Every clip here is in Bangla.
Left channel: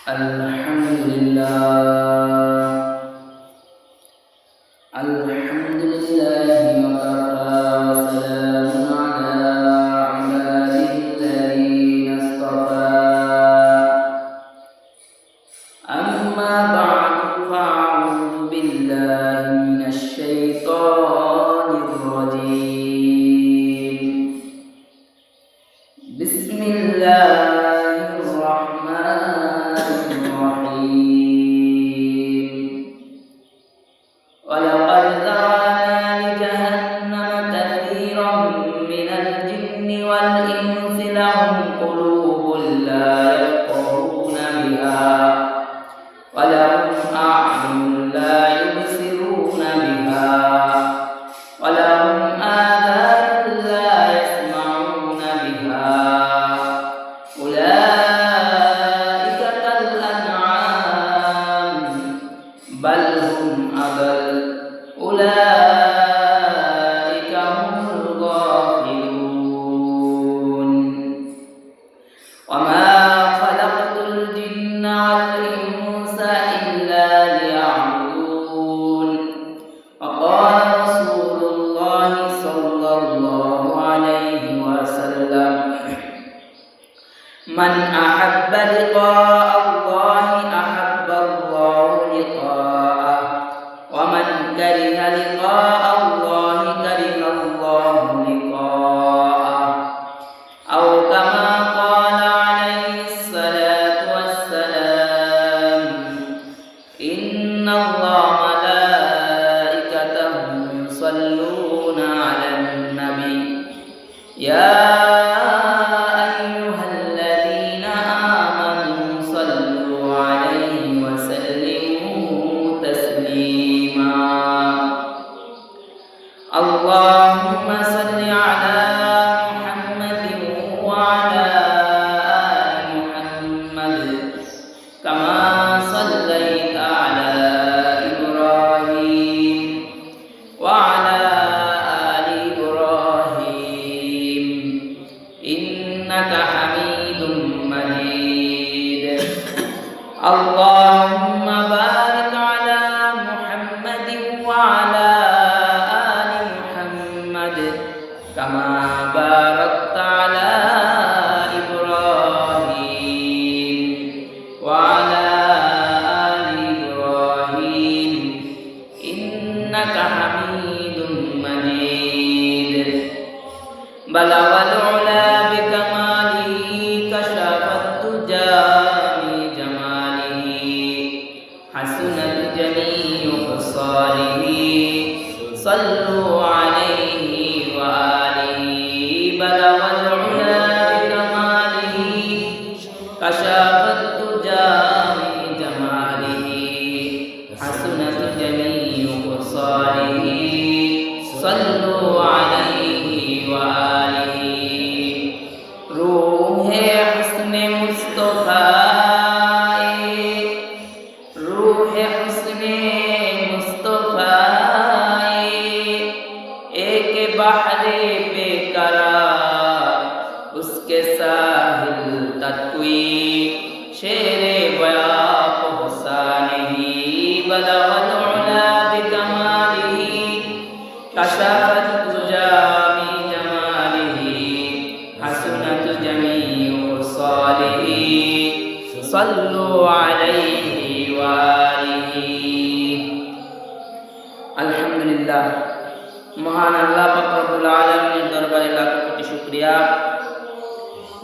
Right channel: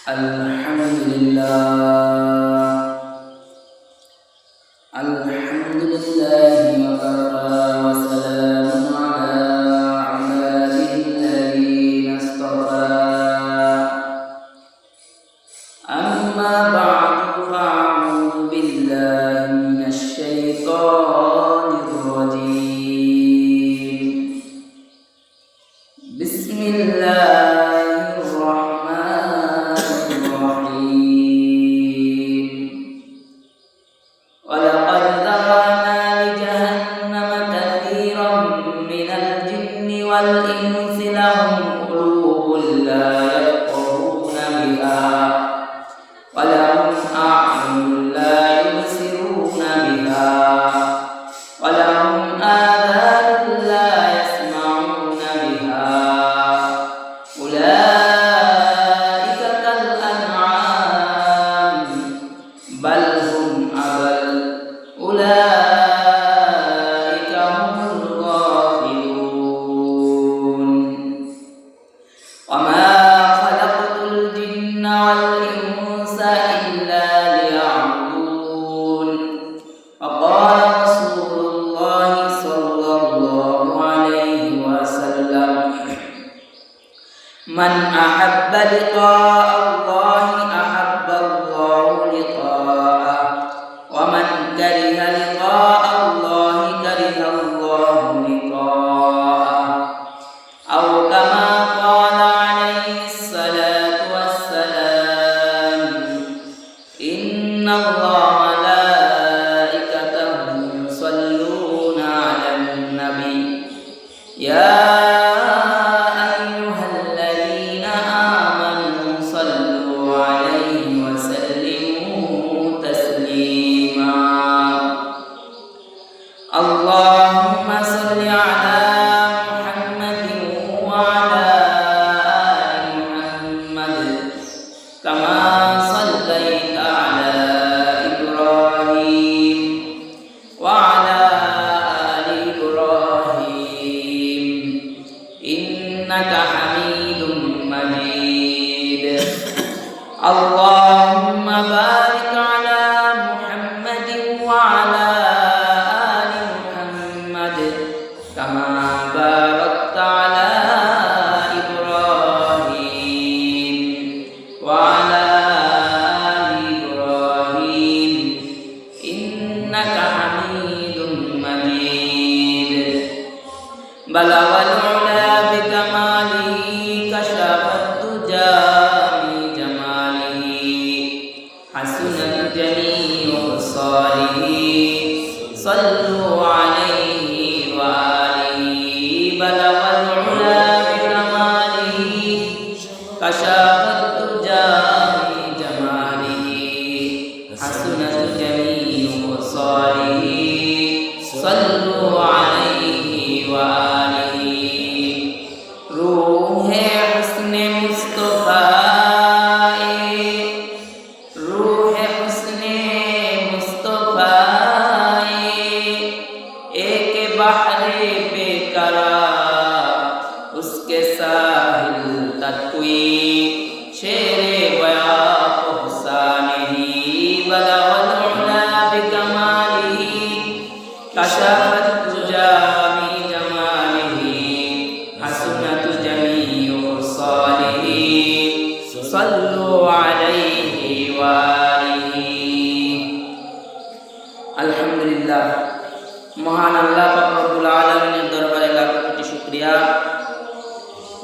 Alhamdulillah wa kafa wa salamun ala ibadihi alladhina istafa. Amma ba'du fa'udhu billahi minasy syaithanir rajim. Bismillahirrahmanirrahim. Walaqad zara'na li jahannama katsiran minal jinni wal insi lahum qulubun la yafqahuna biha wa lahum a'yunun la yubsiruna biha wa lahum adhanun la yasma'una biha ulaika kal an'am bal hum adall ulaika humul ghafilun wa ma khalaqtul jinna wal insa illa liya'budun wa qala rasulullah sallallahu alaihi wasallam man ahabba liqa'a Allahi ahabba Allahu liqa'ah wa man kariha liqa'a Allahi kariha Allahu liqa'ah aw kama qala alaihi salatu wassalam inna Allaha malaikatahu yusalluna 'alan nabi ya اللهم صل على محمد وعلى آل محمد كما صليت على إبراهيم وعلى آل إبراهيم إنك حميد مجيد اللهم بارك على محمد وعلى كما باركت على إبراهيم وعلى آل إبراهيم إنك حميد مجيد بلغ العلا بكماله كشف الدجى بجماله حسنت جميع خصاله صلوا عليه وآله بلغ العلا بكماله كشف الدجى بجماله حسنت جميع خصاله صلوا عليه وآله روح حسن مصطفى روح حسن مصطفى बहरे बेकरार उसके साहिल तत्वी शेरे बया पहुँचाने बलवल उला बिकमालिही कशफत तुजा बि जमालिही हसनत जमीउ सालिही सल्लु अलैहि व आलिही। अल्हम्दुलिल्लाह মহান আল্লাহ পাক রব্বুল আলামিনের দরবারে লাখ কোটি শুকরিয়া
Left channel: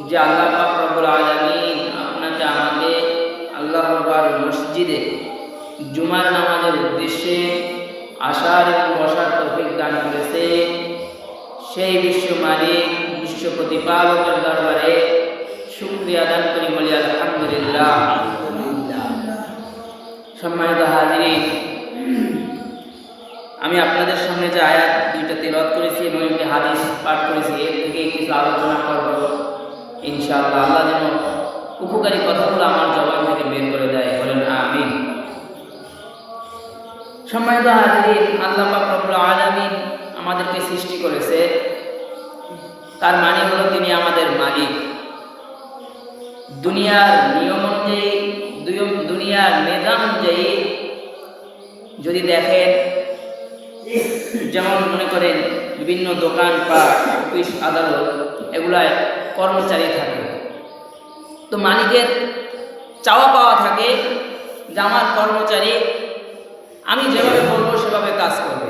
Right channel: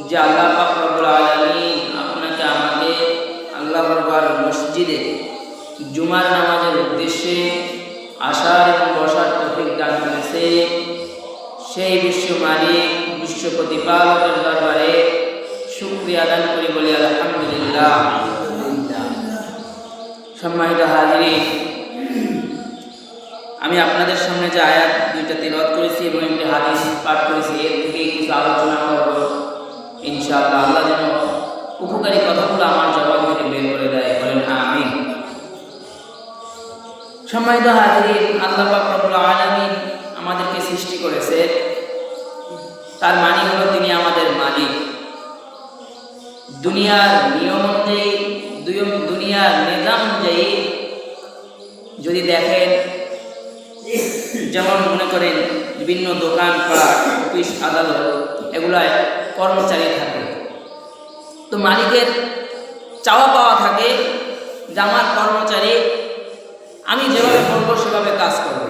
যে আল্লাহ পাক রব্বুল আলামিন আপনাকে আমাকে আল্লাহর ঘর মসজিদে জুমার নামাজের উদ্দেশ্যে আসার এবং বসার তৌফিক দান করেছে। সেই বিশ্ব মালিক বিশ্ব প্রতিপালকের দরবারে শুকরিয়া দান করি বলি আলহামদুলিল্লাহ। সম্মানিত হাজিরিন, আমি আপনাদের সামনে যে আয়াত দুইটা তিলাওয়াত করেছি এবং একটি হাদিস পাঠ করেছি এর থেকে কিছু আলোচনা করব ইনশাআল্লাহ। আল্লাহ যেন উপকারী কথাগুলো আমার জবান থেকে বের করে দেয়, বলেন আমিন। সম্মানিত হাজিরিন, আল্লাহ পাক রব্বুল আলামিন আমাদেরকে সৃষ্টি করেছে, তার মানে হলো তিনি আমাদের মালিক। দুনিয়ার নিয়ম অনুযায়ী দুনিয়ার নিজাম অনুযায়ী যদি দেখেন, যেমন মনে করেন বিভিন্ন দোকানপাট, অফিস, আদালত, এগুলায় কর্মচারী থাকে। তো মালিকের চাওয়া পাওয়া থাকে যে আমার কর্মচারী আমি যেভাবে বলবো সেভাবে কাজ করবে,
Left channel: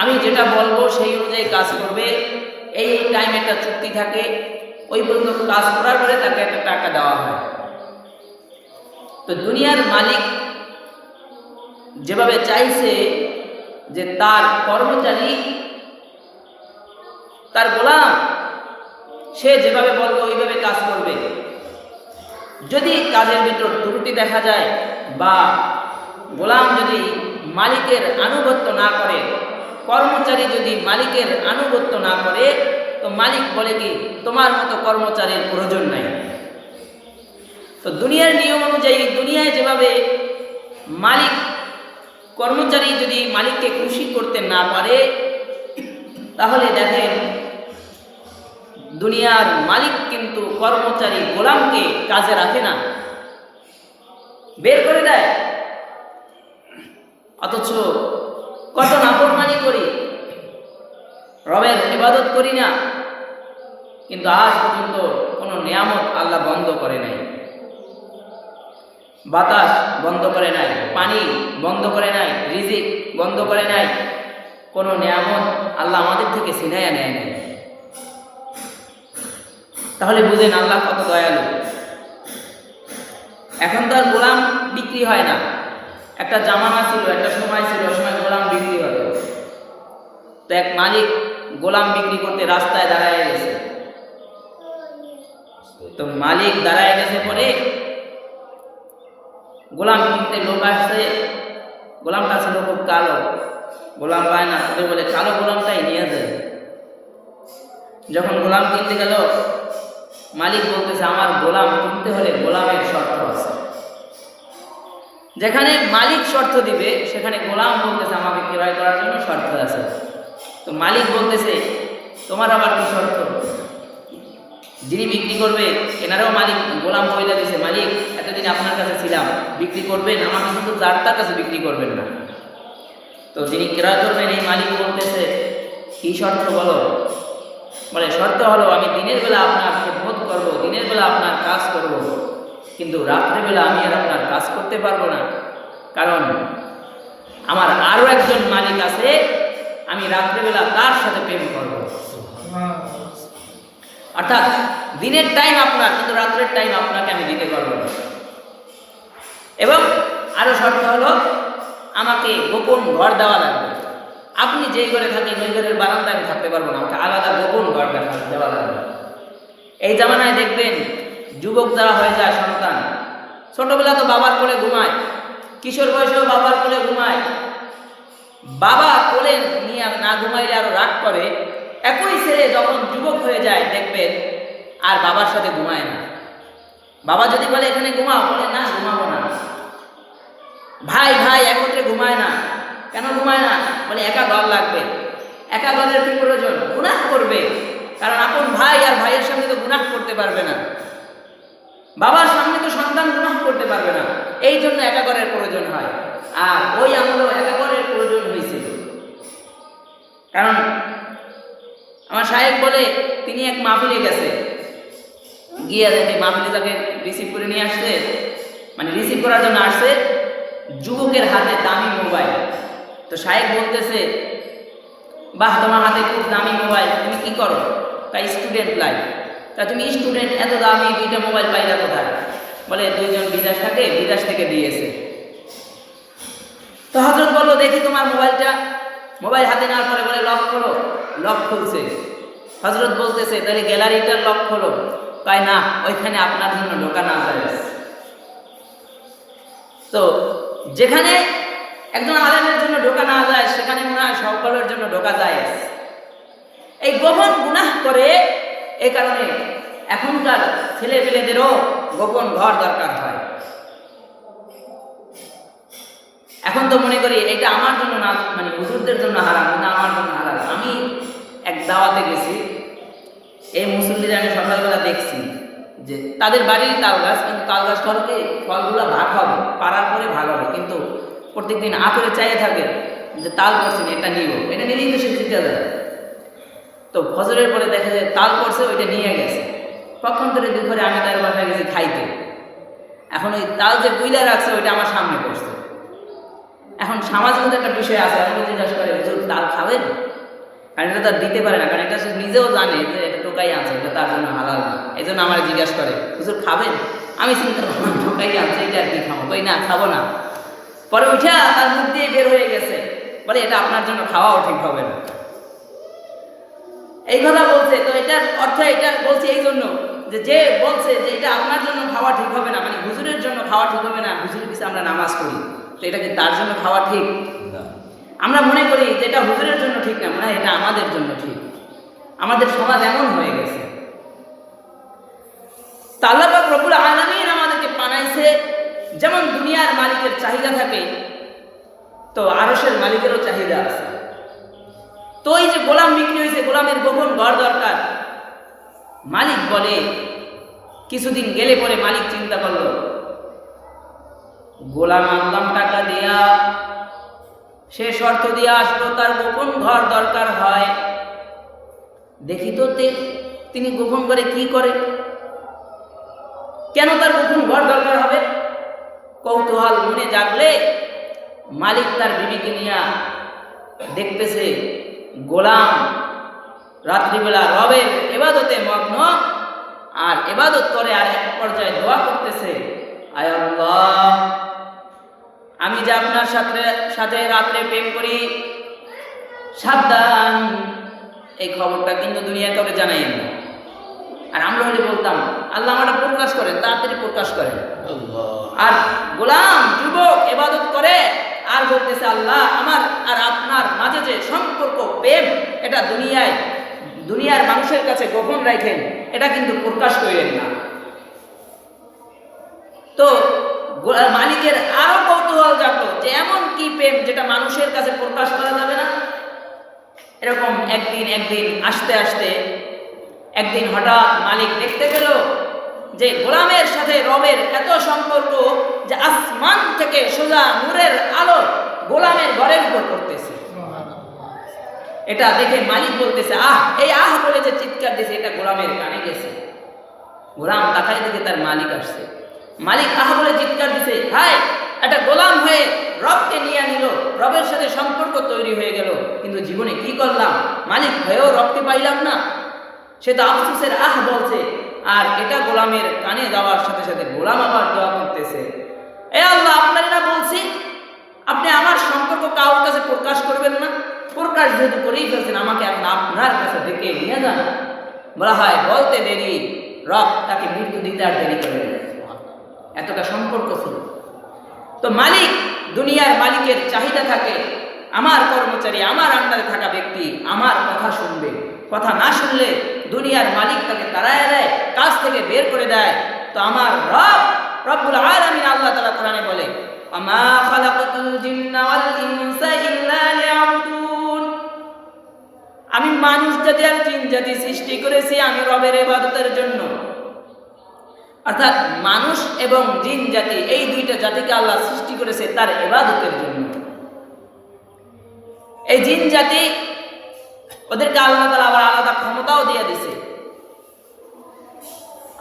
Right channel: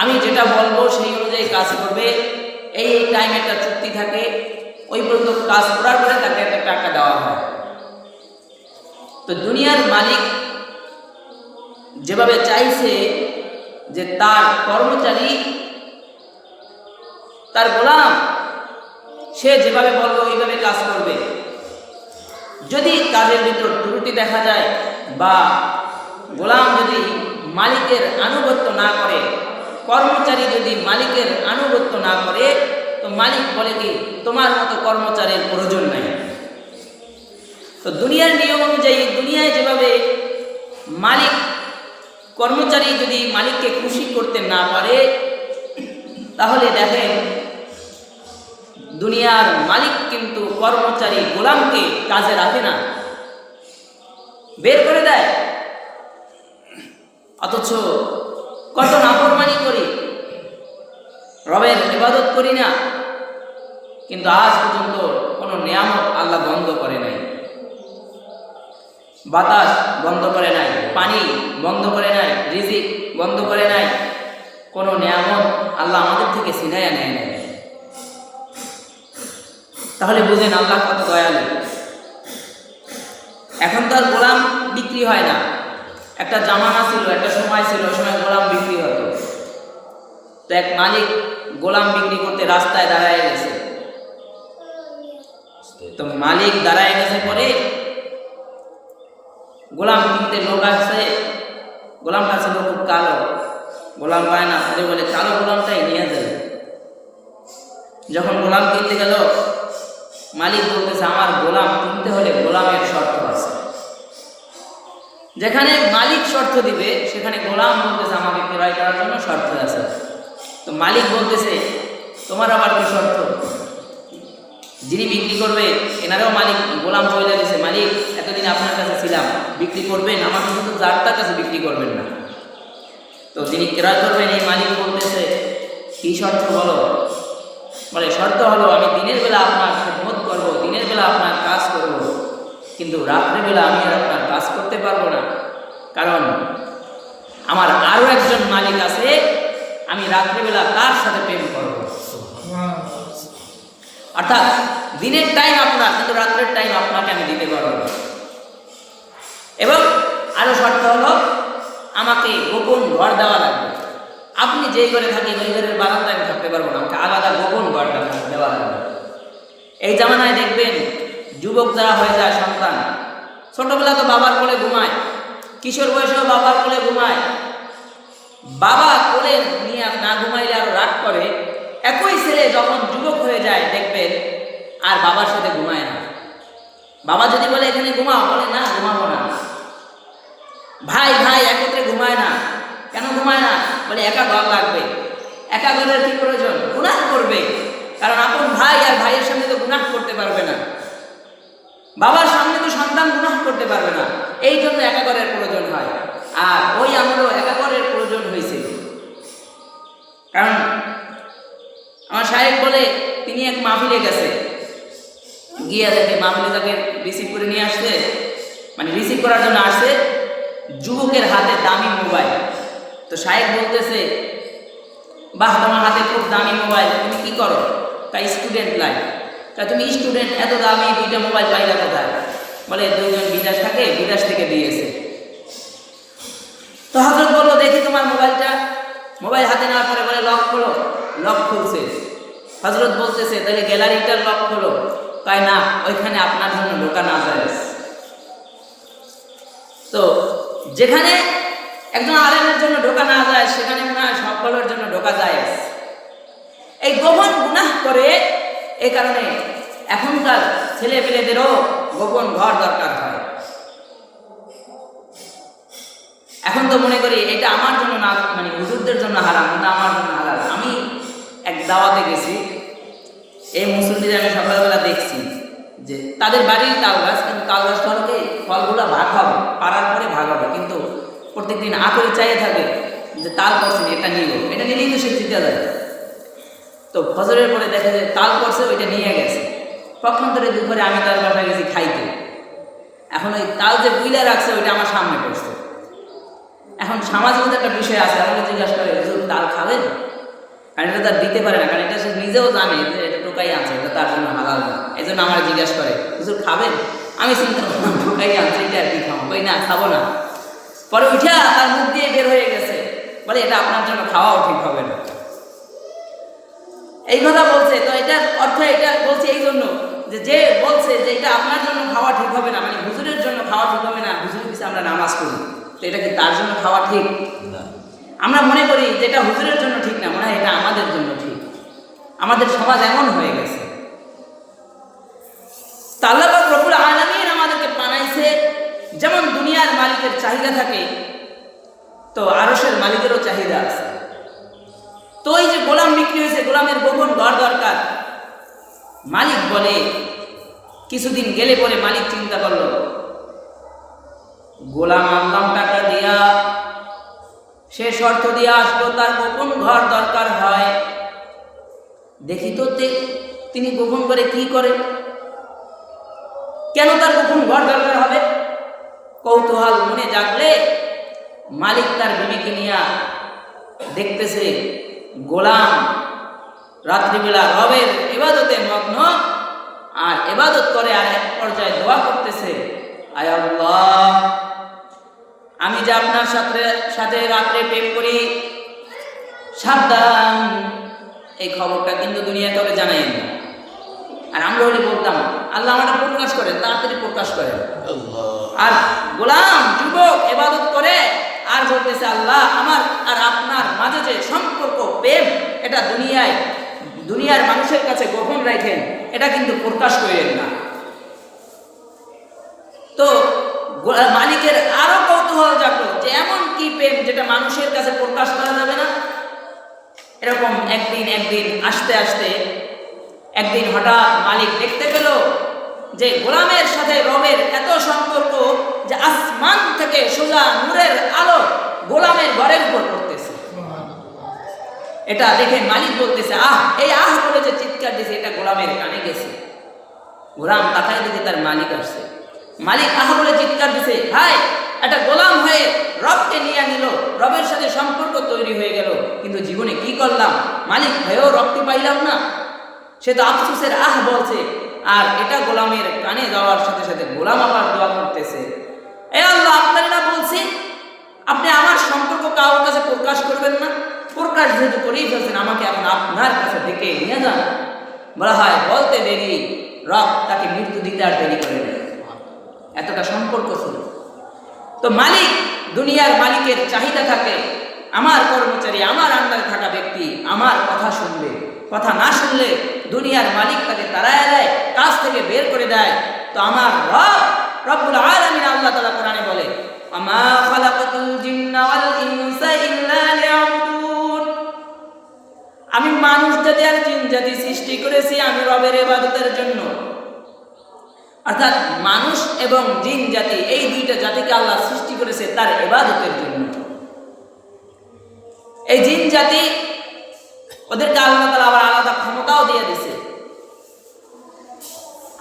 আমি যেটা বলবো সেই অনুযায়ী কাজ করবে। এই টাইম একটা চুক্তি থাকে, ওই পর্যন্ত কাজ করার পরে তাকে একটা টাকা দেওয়া হয়। তো দুনিয়ার মালিক যেভাবে চাইছে যে তার কর্মচারী, তার গোলাম, সে যেভাবে বলবে ওইভাবে কাজ করবে। যদি কাজের ভিতর ত্রুটি দেখা যায় বা গোলাম যদি মালিকের আনুগত্য না করে, কর্মচারী যদি মালিকের আনুগত্য না করে, তো মালিক বলে কি তোমার মতো কর্মচারীর প্রয়োজন নাই। তো দুনিয়ার নিয়ম অনুযায়ী দুনিয়ায় যেভাবে মালিক কর্মচারী যদি মালিককে খুশি করতে না পারে, তাহলে দেখেন দুনিয়ার মালিক কিন্তু কর্মচারী গোলামকে কাজে রাখে না, বের করে দেয়। অথচ কত নাফরমানি করি, রবের ইবাদত করি না, কিন্তু আজ পর্যন্ত কোনো নিয়ামত আল্লাহ বন্ধ করে নাই। বাতাস বন্ধ করে নাই, পানি বন্ধ করে নাই, রিজিক বন্ধ করে নাই, কোনো নিয়ামত আল্লাহ আমাদের থেকে ছিনাইয়া নেয় নাই। তাহলে বুঝেন আল্লাহ কত দয়ালু। এখন তো আর গোলাম বিক্রি হয় না। একটা জামানা ছিল, একটা সময় ছিল, ওই সময় গোলাম বিক্রি হতো। তো এক মালিক গোলাম বিক্রি করতে রাস্তায় দাঁড়ায় গেছে। তো মালিক দাঁড়ায় গেছে পরে গোলাম কিনতে লোক আসছে। গোলামটা ছিল খুব কালো, গোলাম পায় না, পরে বলে কালো গোলামটাই নিয়ে যায়। যখন গোলাম কিনতে গেল, মালিক বলতেছে আমার গোলাম কিনতে হলে গোলামের শর্ত আছে। যেখানে মালিক শর্ত দিবে সেখানে গোলাম বলতেছে আমাকে ক্রয় করার জন্য শর্ত আছে। তো মালিক বলতেছে তোমার আবার কি শর্ত? যিনি বিক্রি করবে এনারাও মালিক গোলাম বইলা দিছে, মালিক এতদিন আপনার কাছে ছিলাম, বিক্রি করবেন, আমাকে কিন্তু যার কাছে বিক্রি করবেন না। তো যিনি ক্রয় করবেন এই মালিক বলতেছে কি শর্ত বলো? বলে শর্ত হলো আমি দিনের বেলা আপনার খেদমত করব, দিনের বেলা আপনার কাজ করব, কিন্তু রাত্রেবেলা আমি আর আপনার কাজ করতে পারবো না, কারণ আমার আরও একজন মালিক আছে, আমি রাত্রেবেলা তার সাথে প্রেম করব। অর্থাৎ দিনের টাইম আপনার, কিন্তু রাত্রের টাইম আপনাকে আমি দিতে পারবো না। এবং আরও শর্ত হলো আমাকে গোপন ঘর দেওয়া লাগবে। আপনি যেই ঘরে থাকেন ওই ঘরের বারান্দায় আমি থাকতে পারবো না, আমাকে আলাদা গোপন ঘর দেওয়া লাগবে। এই জামানায় দেখবেন যুবক যারা হয়ে যায় সন্তান, ছোটবেলা তো বাবার কোলে ঘুমায়, কিশোর বয়সেও বাবার কোলে ঘুমায়, বাবা কোলে নিয়ে না ঘুমাইলে আরো রাগ করে। একই ছেলে যখন যুবক হয়ে যায় দেখবেন আর বাবার সাথে ঘুমায় না। বাবা যদি বলে এখানে ঘুমাও, বলে না ঘুমাবো না। ভাই ভাই একত্রে ঘুমায় না, কেন ঘুমায় না? বলে একা ঘর লাগবে। একা ঘরের কি প্রয়োজন? গুনাহ করবে, কারণ আপন ভাই আর ভাইয়ের সামনে তো গুনাহ করতে পারবে না, বাবার সামনে তো সন্তান গুনাহ করতে পারবে না, এই জন্য একা ঘরের প্রয়োজন হয়। আর ওই আমলেও একা ঘরের প্রয়োজন হয়েছিল। কারণ আমার সাহেব বলে তিনি এক মাহফিলে গেছে, গিয়ে দেখে মাহফিলে তাকে রিসিভ করে নিয়ে আসছে, মানে রিসিভ করার জন্য আসছে যুবকের হাতে দামি মোবাইল। তো সাহেব বলতেছে বাহ তোমার হাতে খুব দামি মোবাইল, তুমি কি করো? তাই স্টুডেন্ট লাইফ। তা তুমি স্টুডেন্ট, এত দামি দুইটা মোবাইল পাইলা কোথায়? বলে দুইজন বিদেশ থাকে, বিদেশ থেকে দিয়েছে। তো হযরত বললো দেখি তোমার মোবাইলটা। মোবাইল হাতে নেওয়ার পরে বলে লক খোলো। লক খুলছে। হযরত বলতেছে তাহলে গ্যালারিটার লক খোলো। তাই না, ওইখানে আপনার জন্য ঢোকা না যায়। তো যেখানে একজন আলেমের জন্য ঢোকা না যায় সেখানে মনে হয় সকলের জন্য ঢোকা যায়। এই গোপন গুনাহ করে, এই কারণে এখনকার ছেলে পেলেদেরও গোপন ঘর দরকার হয়। এখন তো মনে করি এটা আমার জন্য না, মানে হুজুরদের জন্য হারাম, না আমার জন্য হালাল। আমি এক দাওয়াতে গেছি, এই মুসল্লিদের আমি সকালবেলা দেখছি যে তাদের বাড়ির তাল গাছ, কিন্তু তাল গাছ ফলকে ফলগুলো ভাগ হবে, পাড়ার পরে ভাগ হবে, কিন্তু প্রত্যেকদিন আঁকড়ে চাইয়ে থাকে যে তাল পড়ছে এটা নিব, এটা নিলেই তো সে জিতে যায়। তো ফজরের পরে দেখা যায় তাল পড়ছে, ওইটা নিয়ে গেছে। পক্ষান্তরে দুপুরে আমি তার বাসায় গেছি খাইতে, এখন ওই তাল যে গুইলা রাখছে ওইটা আমার সামনে পড়ছে। এখন সামাজিক একটা বিষয় আছে, আমাকে জিজ্ঞাসা করে হুজুর তাল খাবেন, কারণ এটা তার দিতে পারে না, কারণ এটা সে নিজেও জানে যে এটা টোকাই আনছে, এটা তার জন্য হালাল না। এই জন্য আমার জিজ্ঞাসা করে হুজুর খাবেন, আমি চিন্তা করলাম টোকাই আনছে, এটা আর কি খাবো, ওই না খাবো না। পরে উঠা তার মুখ দিয়ে বের হয়ে গেছে, বলে এটা আপনার জন্য খাওয়াও ঠিক হবে না। এই কথা বলছে। তো এটার অর্থ এটা বলছে এই জন্য যে যে বলছে যে এটা আপনার জন্য খাওয়া ঠিক হবে না, মানে হুজুরের জন্য খাওয়া ঠিক হবে না, হুজুরের পিছনে আমরা নামাজ পড়ি, তো এটা কি তার জন্য খাওয়া ঠিক? আমরা মনে করি যে এটা হুজুরের জন্য ঠিক না, মনে হয় এটা আমাদের জন্য ঠিক। আমাদের সমাজ এমন হয়ে গেছে। আল্লাহ পাক রব্বুল আলামিন আমাদেরকে বানাইছে, যেমন দুনিয়ার মালিকের চাহিদা থাকে, তো আরশের মালিকেরও চাহিদা আছে। তো এই যে গোলাম বিক্রি হয়েছে, গোলামের গোপন ঘর দরকার। মালিক বলে, কিছুদিন গেলে পরে মালিক চিন্তা করলো, গোলাম আনলাম টাকা দিয়া, সে শর্ত দিয়ে আসলো তার গোপন ঘর দরকার হয়, দেখি তো তিনি গোপন ঘরে কি করে, কেন তার গোপন ঘর দরকার হবে। কৌতূহল মনে জাগলে মালিক তার বিবিকে নিয়ে দেখতেছে গোলাম রাত্রিবেলা রবের ইবাদতে মগ্ন, আর ইবাদত করে, আর এক পর্যায়ে দোয়া করতেছে, আয় আল্লাহ, আমি যে আপনার সাথে রাত্রে প্রেম করি, সাবধান, এই খবরটা কিন্তু দুনিয়া কাউকে জানাই না। আর আমরা হলে বলতাম আল্লাহ আমাটা প্রকাশ করেন, তাড়াতাড়ি প্রকাশ করেন। আর গোলাম যুবক ইবাদত করে আর বলতেছে আল্লাহ আমার আর আপনার মাঝে যে সম্পর্ক প্রেম, এটা দুনিয়ার মানুষের কাছে গোপন রাখেন, এটা কিন্তু প্রকাশ করেন না। তো মালিকের আরো কৌতূহল জাগলো যে এমন কি প্রেম যেটা মানুষের কাছে প্রকাশ করা যাবে না। এরকম একদিন আস্তে আস্তে একদিন হঠাৎ মালিক দেখতে পেল যে গোলামের সাথে রবের এত সম্পর্ক যে আসমান থেকে সোজা নূরের আলো গোলামের ঘরের উপর পড়তেছে। এটা দেখে মালিক বলতেছে এই বলে যে চিৎকার দিয়েছে, এটা গোলামের কানে গেছে। গোলাম তাকায় দেখে তার মালিক আসছে। মালিক বলে চিৎকার দিছে, হায়, একটা গোলাম হয়ে রবকে নিয়ে নিল, রবের সাথে সম্পর্ক তৈরি হয়ে গেল, কিন্তু জীবনে কি করলাম, মালিক হয়েও রবকে পাইলাম না। সে তো আফসোসের বলছে, আর এটা গোলামের কানে যাওয়ার সাথে সাথে গোলাম আবার দোয়া করতেছে, এ আল্লাহ, আপনার না বলছি আপনি আমার সম্পর্ক কারোর কাছে প্রকাশ করবেন না, প্রকাশ যেহেতু করেই ফেলছেন, আমাকে এখন আপনার কাছে ডেকে নিয়ে যান। বলা হয় বলতে দেরি, রব তাকে মৃত্যু দিতে আর দেরি করে নেয়, এতটা সম্পর্ক ছিল। তো মালিক, দুনিয়ার মালিকের চাহিদা থাকে, আমার কর্মচারী, আমার আন্ডারে থাকা ব্যক্তি আমার কথা শুনবে, কথা না শুনলে দুনিয়ার মালিক তাকে তাড়ায় দেয়, কাজ থেকে বের করে দেয়। তো আমার রব্বুল আলামিন আল্লাহ তাআলা কোরআনে বলে, আমা খালাকাতুল জিন্না ওয়াল ইনসা ইল্লা লিয়াবুদুন, আমি মানুষ জাতি আর জিন জাতি সৃষ্টি করেছি আমি রবের ইবাদতের জন্য। অর্থাৎ মানুষ এবং জিন জাতি, এই দুইটা জাতিকে আল্লাহ সৃষ্টি করেছে তার ইবাদতের জন্য। এই জিন জাতি, ওদেরকে আল্লাহ তাআলা আবার আলাদা ক্ষমতাও দিয়ে দিয়েছে,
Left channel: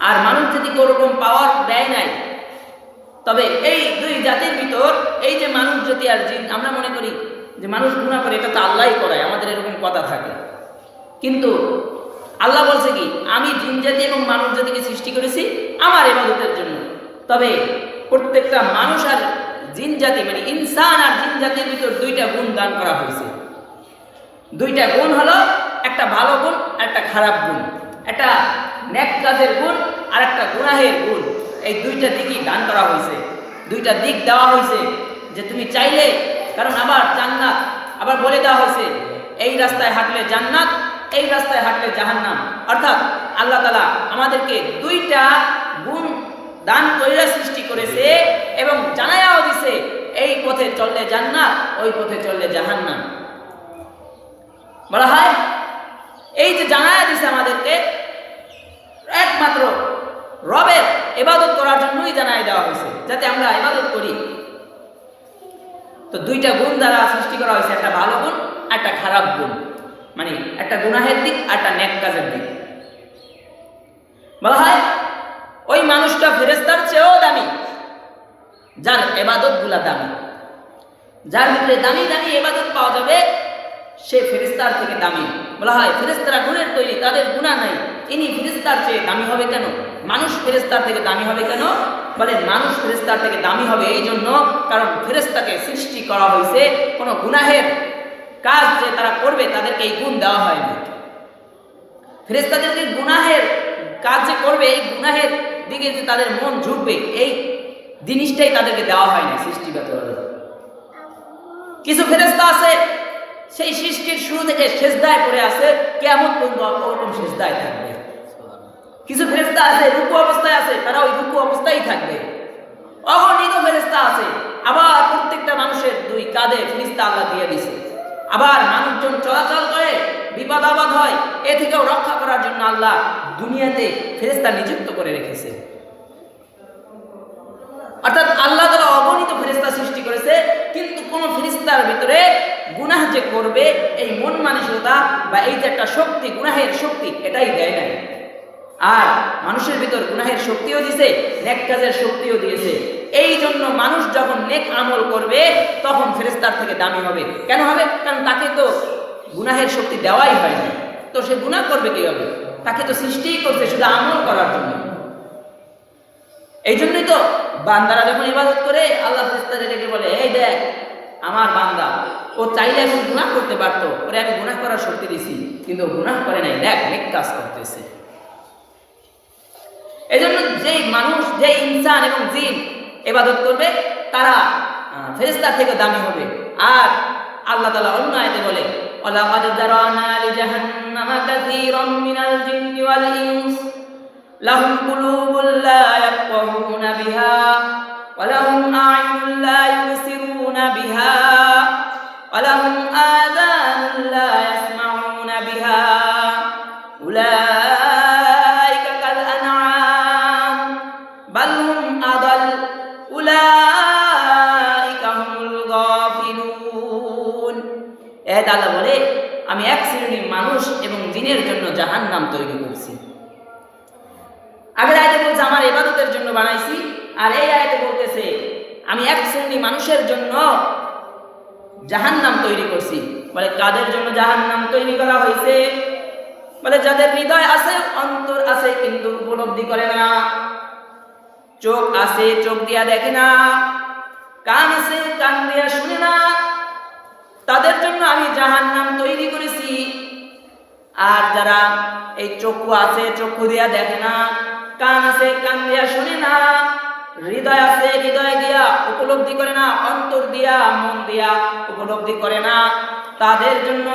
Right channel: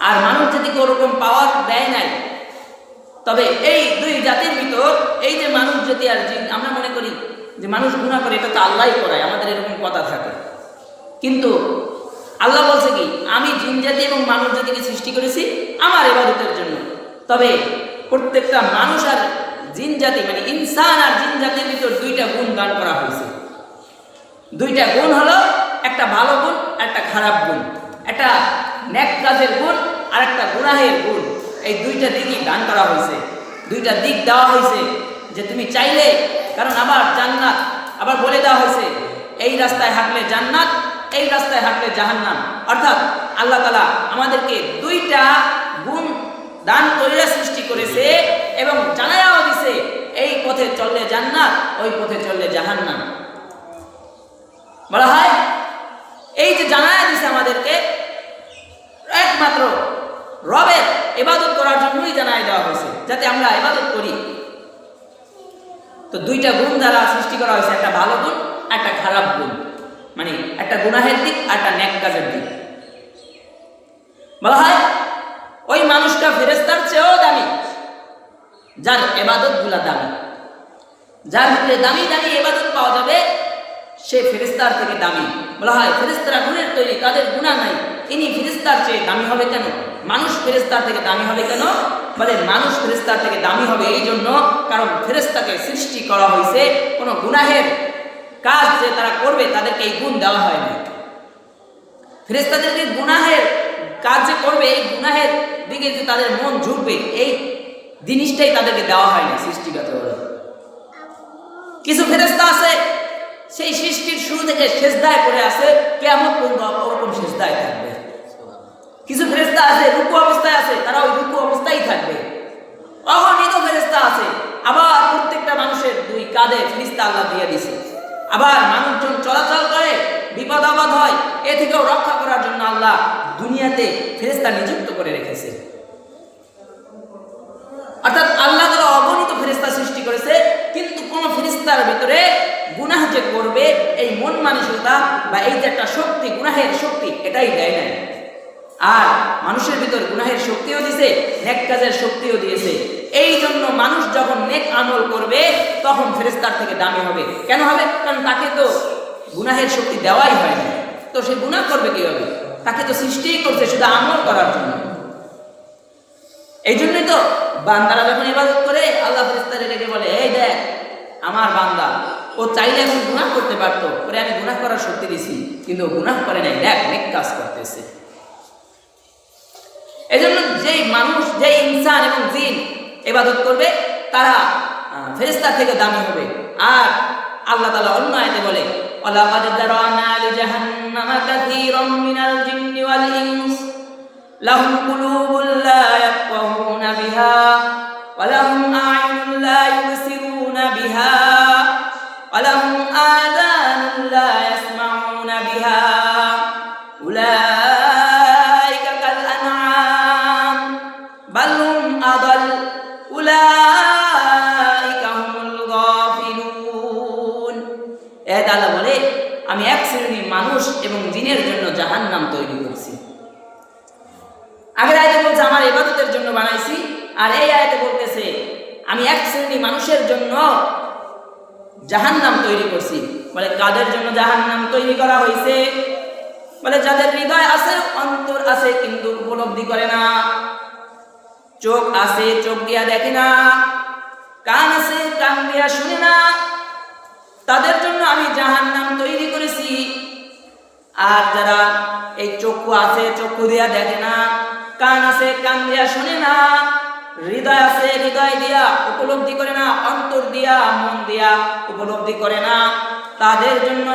আর মানুষ জাতিকে ওরকম পাওয়ার দেয় নাই। তবে এই দুই জাতির ভিতর, এই যে মানুষ জাতি আর জিন, আমরা মনে করি যে মানুষ গুনাহ করে, এটা তো আল্লাহই করায়, আমাদের এরকম কথা থাকে। কিন্তু আল্লাহ বলছে কি, আমি জিন জাতি এবং মানুষ জাতিকে সৃষ্টি করেছি আমার ইবাদতের জন্য। তবে প্রত্যেকটা মানুষ আর জিন জাতি, মানে ইনসান আর জিন জাতির ভিতর দুইটা গুণ দান করা হয়েছে। দুইটা গুণ হলো, একটা ভালো গুণ আর একটা খারাপ গুণ, একটা নেক কাজের গুণ আর একটা গুনাহের গুণ। এই দুইটা দিকই দান করা হয়েছে, দুইটা দিক দেওয়া হয়েছে যে তুমি চাইলে, কারণ আবার জান্নাত, আবার বলে দেওয়া হয়েছে এই রাস্তায় হাঁটলে জান্নাত, এই রাস্তায় হাঁটলে জাহান্নাম। অর্থাৎ আল্লাহ তাআলা আমাদেরকে দুইটা গুণ দান কইরা সৃষ্টি করেছে এবং জানায়াও দিছে, এই পথে চললে জান্নাত, ওই পথে চললে জাহান্নাম। বলা হয় এই যে জানায়া দিছে আমাদেরকে, একমাত্র রবের ইবাদত করার জন্যই জানাই দেওয়া হয়েছে, যাতে আমরা ইবাদত করি। তো দুইটা গুণ দ্বারা সৃষ্টি করা হয়েছে, একটা ভালো গুণ, একটা খারাপ গুণ, মানে একটা গুনাহের দিক আর একটা নেক কাজের দিক। বলা হয় ওই মানুষটা ফেরেশতার চেয়েও দামি, যার ইবাদত গুলা দামি, যার ভিতরে দামি দামি ইবাদত পাওয়া যাবে, সে ফেরেশতার থেকে দামি। বলা হয় ফেরেশতারা নূরের তৈরি, তাদের গুনাহ নাই, ইনি ফেরেশতার চেয়ে দামি হবে কেন? মানুষ ফেরেশতার থেকে দামি হবে কেন? বলে মানুষ ফেরেশতার থেকে দামি হবে এই জন্য, কারণ ফেরেশতাকে সৃষ্টি করা হয়েছে কোনো গুনাহের কাজ যে তারা করবে তাদেরকে এই গুণ দেওয়া হয়নি। ফেরেশতাদেরকে গুনাহের কাজ যে করবে, এই গুনাহের দিকে যে তাদের মন ঝুঁকবে, এই জিনিসটাই তাদেরকে দেওয়া হয়নি সৃষ্টিগতভাবে। কিছু ফেরেশতা আছে সেই সৃষ্টির শুরু থেকে সেজদায় পড়ে আছে, কিয়ামত পর্যন্ত ওরকম সেজদায় থাকবে। কিছু ফেরেশতা আছে রুকু অবস্থায় আছে, তারা ওই রুকু অবস্থায় থাকবে। অগণিত ফেরেশতা আছে, আবার প্রত্যেকটা মানুষের দুই কাঁধে ফেরেশতা আল্লাহ দিয়ে দিয়েছে। আবার মানুষজন চলাচল করে, বিপদ আপদ হয়, এ থেকেও রক্ষা করার জন্য আল্লাহ দুনিয়াতে ফেরেশতা নিযুক্ত করে রেখেছে। অর্থাৎ আল্লাহ তাআলা অগণিত ফেরেশতা সৃষ্টি করেছে, কিন্তু কোন ফেরেশতার ভিতরে গুনাহ যে করবে এই মন মানসিকতা বা এই যে একটা শক্তি, গুনাহের শক্তি, এটাই দেয় নাই। আর মানুষের ভিতর গুনাহের শক্তিও দিয়েছে, নেক কাজের শক্তিও দিয়েছে। এই জন্য মানুষ যখন নেক আমল করবে তখন ফেরেশতার থেকে দামি হবে। কেন হবে? কারণ তাকে তো গুনাহের শক্তি দেওয়াই হয়নি, তো সে গুনাহ করবে কিভাবে? তাকে তো সৃষ্টিই করছে শুধু আমল করার জন্য। এই জন্যই তো বান্দারা যখন ইবাদত করে আল্লাহ ফেরেশতারে ডেকে বলে, এই দেখ আমার বান্দা, ও চাইলে এখন গুনাহ করতে পারতো, ওরে আমি গুনাহ করার শক্তি দিছি, কিন্তু গুনাহ করে নাই, দেখ নেক কাজ করতেছে। এই জন্য যেই মানুষ, যেই ইনসান এবং জিন ইবাদত করবে তারা ফেরেশতার থেকে দামি হবে। আর আল্লাহ তাআলা অন্য আয়াতে বলে, ওয়ালাকাদ যারানা লিজাহান্নামা কাসীরাম মিনাল জিন্নি ওয়াল ইনস লাহুম কুলুবুন লা ইয়াফকাহুনা বিহা ওয়া লাহুম আ'য়ুনুন লা ইউবসিরুনা বিহা ওয়া লাহুম আযানুন লা ইয়াসমাউনা বিহা উলাইকা কাল আনআম বাল হুম আদাল উলাইকা হুমুল গাফিলুন। আল্লাহ বলে, আমি এক শ্রেণীর মানুষ এবং জিনের জন্য জাহান্নাম তৈরি করছি। আগের আয়াতে বলছে আমার ইবাদতের জন্য বানাইছি, আর এই আয়াতে বলতেছে আমি এক শ্রেণীর মানুষের জন্য জাহান্নাম তৈরি করছি। বলে কাদের জন্য জাহান্নাম তৈরি করা হয়েছে? বলে যাদের হৃদয় আছে, অন্তর আছে, কিন্তু উপলব্ধি করে না। চোখ আছে, চোখ দিয়া দেখে না। কান আছে, কান দিয়া শুনে না। তাদের জন্য আমি জাহান্নাম তৈরি করেছি। আর যারা এই চক্ষু আছে, চক্ষু দিয়া দেখে না, কান আছে, কান দিয়া শুনে না, হৃদয় আছে, হৃদয় দিয়া উপলব্ধি করে না, অন্তর দিয়া, মন দিয়া উপলব্ধি করে না, তাদের জন্য,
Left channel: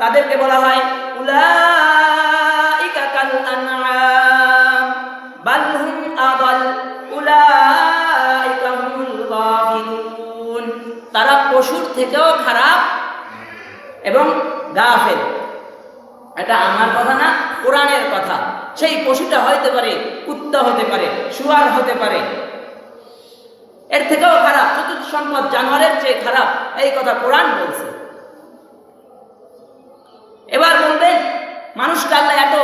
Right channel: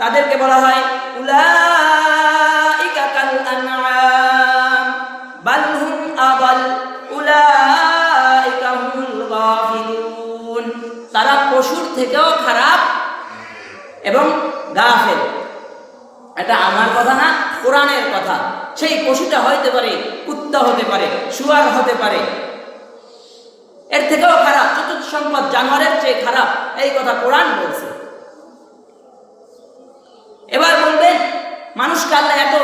তাদেরকে বলা হয় উলাইকা কাল আনআম বাল হুম আদাল উলাইকা হুমুল গাফিলুন। তারা পশুর থেকেও খারাপ এবং গাফেল। এটা আমার কথা না, কোরআনের কথা। সেই পশুটা হতে পারে, কুত্তা হতে পারে, শুয়ার হতে পারে, এর থেকেও খারাপ, চতুর্থ সম্পদ জানোয়ারের চেয়ে খারাপ, এই কথা কোরআন বলছে। এবার বলবেন মানুষকে আল্লাহ এত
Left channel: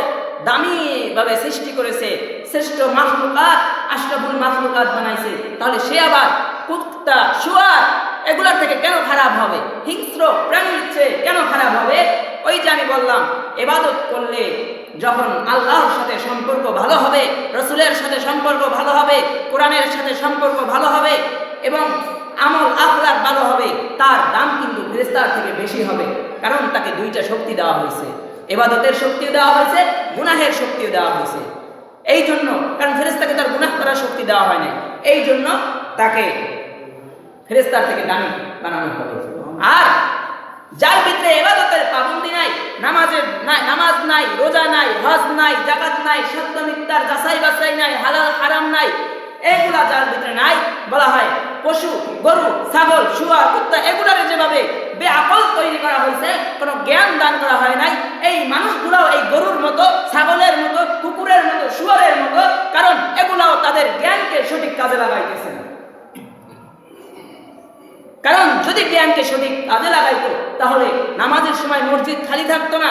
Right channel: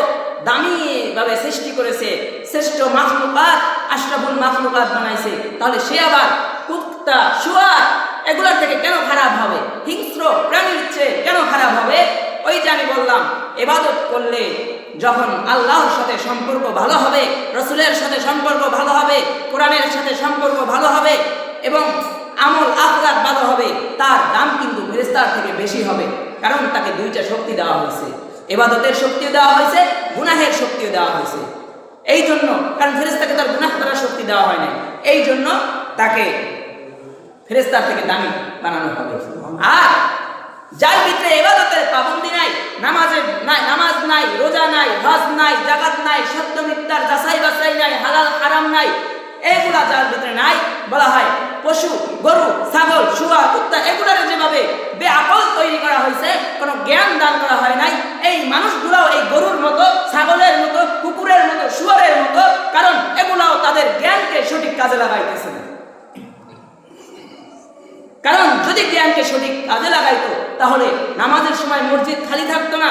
দামি ভাবে সৃষ্টি করেছে, শ্রেষ্ঠ মাখলুকাত, আশরাফুল মাখলুকাত বানাইছে, তাহলে সে আবার কুত্তা, শুয়ার এগুলোর থেকে কেন খারাপ হবে? হিংস্র প্রাণীর চেয়ে কেন খারাপ হবে? ওই যে আমি বললাম, ইবাদত করলে যখন আল্লাহর সাথে সম্পর্ক ভালো হবে, রসুলের সাথে সম্পর্ক ভালো হবে, কোরআনের সাথে সম্পর্ক ভালো হবে এবং আমল আখলাক ভালো হবে, তার দাম কিন্তু ফেরেশতার থেকে বেশি হবে। কারণ তাকে দুইটা শক্তি দেওয়া হয়েছে, ইবাদতের শক্তিও দেওয়া হয়েছে, গুনাহের শক্তিও দেওয়া হয়েছে। এই জন্য, কারণ ফেরেশতাকে তার গুনাহ করার শক্তি দেওয়া হয় না, এই জন্য তাকে ফেরেশতার থেকে দামি বানানো হবে। আর যার ভিতরে ইবাদতের পাবন্দি নাই, নামাজের নাই, নামাজ নাই, রোজা নাই, হজ নাই, যাকাত নাই, সত্য মিথ্যার যাচাই বাছাই নাই, হালাল হারাম নাই, এগুলা যার ভিতরে নাই, বলা হয় পশু, গরু, ছাগল, শুয়ার, কুত্তা এগুলার যেভাবে বেআকল তৈরি করা হয়েছে, কোনো জ্ঞান দান করা হয় নাই। এই মানুষগুলাও এই গরুর মতো, ছাগলের মতো, কুকুরের মতো, শুয়োরের মতো, কারণ এগুলাও তাদের জ্ঞানকে সঠিক কাজে লাগাইতেছে না। কারণ যদি জ্ঞানকে সঠিক কাজে লাগাইতো তাহলে নামাজের সময় মসজিদ খালি থাকতো না,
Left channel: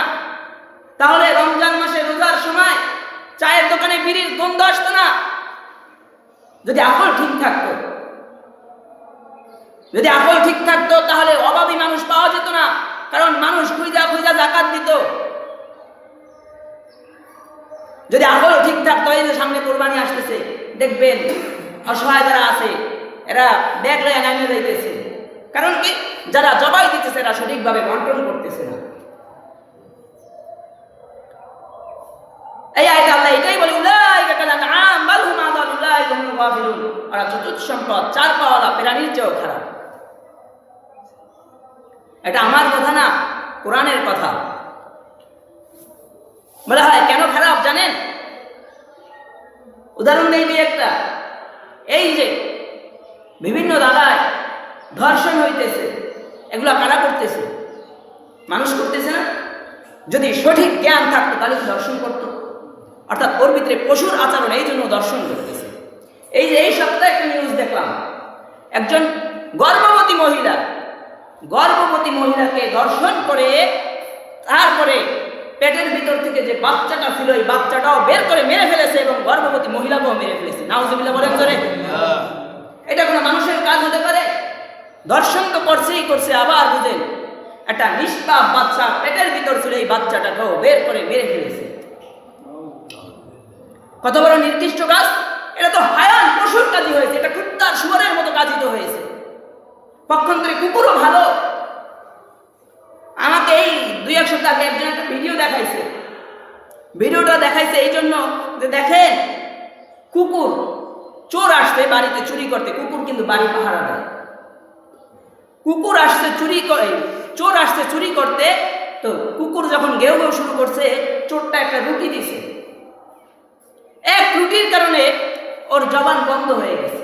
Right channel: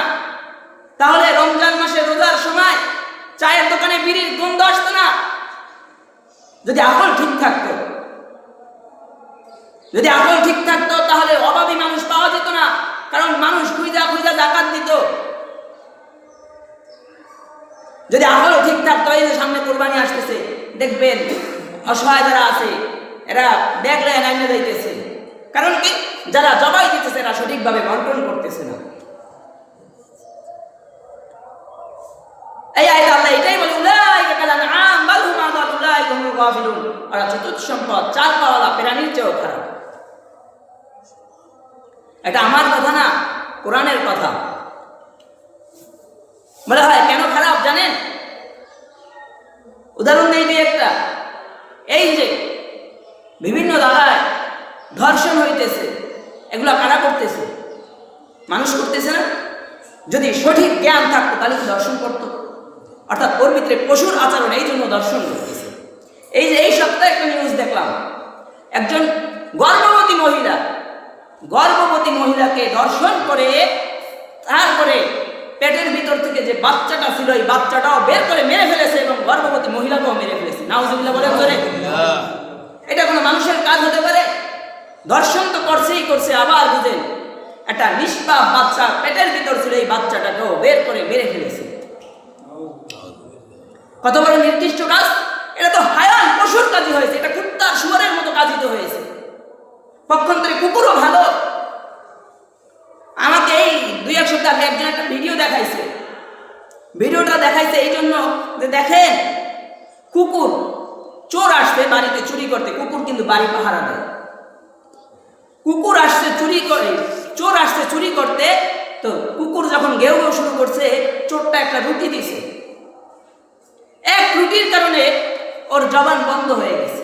তাহলে রমজান মাসে রোজার সময় চায়ের দোকানে বিড়ির গন্ধ আসতো না। যদি আকল ঠিক থাকতো, যদি আকল ঠিক থাকতো তাহলে অভাবী মানুষ পাওয়া যেত না, কারণ মানুষ খুঁজা খুঁজা জাকাত দিত। যদি আকল ঠিক থাকতো, এই যে সামনে কোরবানি আসতেছে, দেখবেন অসহায় যারা আছে এরা দেখলে নামিয়ে যাইতেছে। কারণ কি? যারা জবাই দিতেছে এরা সঠিকভাবে বন্টন করতেছে না। এই আয়াতে আল্লাহ এটাই বলে, উলাইকা কাল আনআম বাল হুম আদাল উলাইকা হুমুল গাফিলুন। ওরা চতুর্থ সম্পদ, চার পাওয়ালা প্রাণীর চেয়েও খারাপ। এটা আমার কথা না, কোরআনের কথা। বলা হয় কেন খারাপ জানেন? উদাহরণ নেই দিয়ে একটা, এই যে বিভিন্ন জায়গায় ধর্ষণ হইতেছে, এগুলা কারা করতেছে? মানুষ করতেছে না? যদি সঠিক জ্ঞান থাকতো তাহলে কি ধর্ষণ করতো? অর্থাৎ ওর ভিতরে পশুর আচরণ, এই জন্য দর্শন করতেছে। এই যে এই সপ্তাহে একটা নিউজ দেখলাম, একজন গর্ভবতী মহিলাকে দর্শন করে তারপরে পেটের ভিতর থেকে যে বাচ্চাটা ছিল এই বাচ্চাটাও বের করে মেরে ফেলেছে এবং গর্ভবতী মহিলাকেও মেরে ফেলেছে। নাউজুবিল্লাহ বলেন ধরে। এটা কোনো মানুষের কাজ হতে পারে? দর্শন তো করছে, আবার বুঝেন একটা নিষ্পাপ বাচ্চা পেটের ভিতর ছিল, এই বাচ্চাটাকেও বের করে মেরে ফেলেছে। কত বড় নির্দিষ্ট কাজ! এটা তো হায়ান পশুর কাজই হয়েছে, এটা কুত্তার শুয়োরের মতো কাজিত হয়েছে। পক্ষান্তরে কুকুরও ভালো। আমাকে এই 2-1 সপ্তাহ আগে একজন একটা ভিডিও দেখাইছে। ভিডিওটা দেখাইছে এই জন্য যে দেখেন, কুকুর চোর আসছে বাড়িতে চুরি করতে, কুকুর কিন্তু বাড়ি পাহারা দেয়। কুকুর আসছে চুরি করে, চোর আসছে চুরি করতে, তো কুকুর যখন গেউ গেউ শুরু করছে, চোরটা একটা রুটি দিছে। এক রুটির কারণে ওর জবান বন্ধ হয়ে গেছে।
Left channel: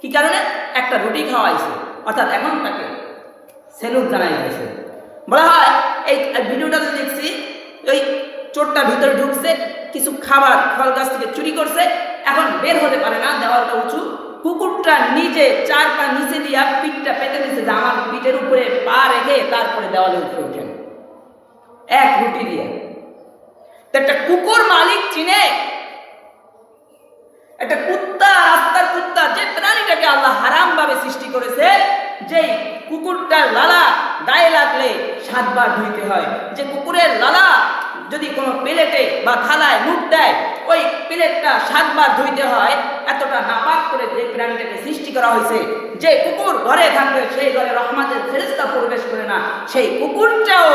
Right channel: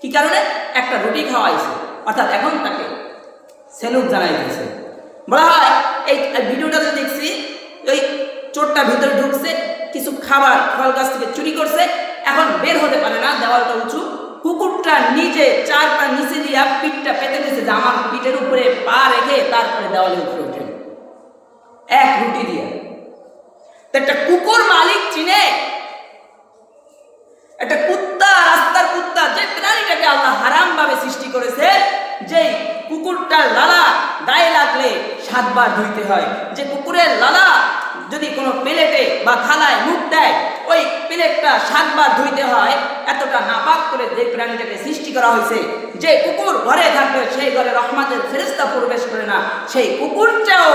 কি কারণে? একটা রুটি খাওয়াইছে। অর্থাৎ এখন তাকে সেলুট জানাই দিয়েছে। বলা হয় এই ভিডিওটাতে দেখছি, ওই চোরটা ভিতরে ঢুকছে, কিছু খাবার ফল গাছ থেকে চুরি করছে, এখন বের হতে পারে না, দেওয়ালটা উঁচু। কুকুরটা নিজে 4 পা নিচে দিয়া পিঠটা পেতে দিছে যে আমার পিঠের উপরে পা রেখে তারপরে দেওয়ালে উপরে ওঠেন, এক রুটি দিয়ে। একটা কুকুর মালিক চিনে, একটা কুত্তা, রাস্তার কুত্তা, যে প্রাণীটাকে আল্লাহ হারাম ভাবে সৃষ্টি করেছে, যেই কুকুরটার লালা গায়ে লাগলে 7 বার ধুইতে হয়, যে কুকুরের লালা যদি কোনো প্লেটে বা থালায় মুখ দেয় ওই প্লেটটা 7 বার ধুইতে হয়, এতটা নাপাক করে যে প্রাণীটাকে সৃষ্টি করা হয়েছে, যে কুকুর ঘরে থাকবে সেই ঘরে রহমতের ফেরেশতা প্রবেশ করে না, সেই কুকুরটাও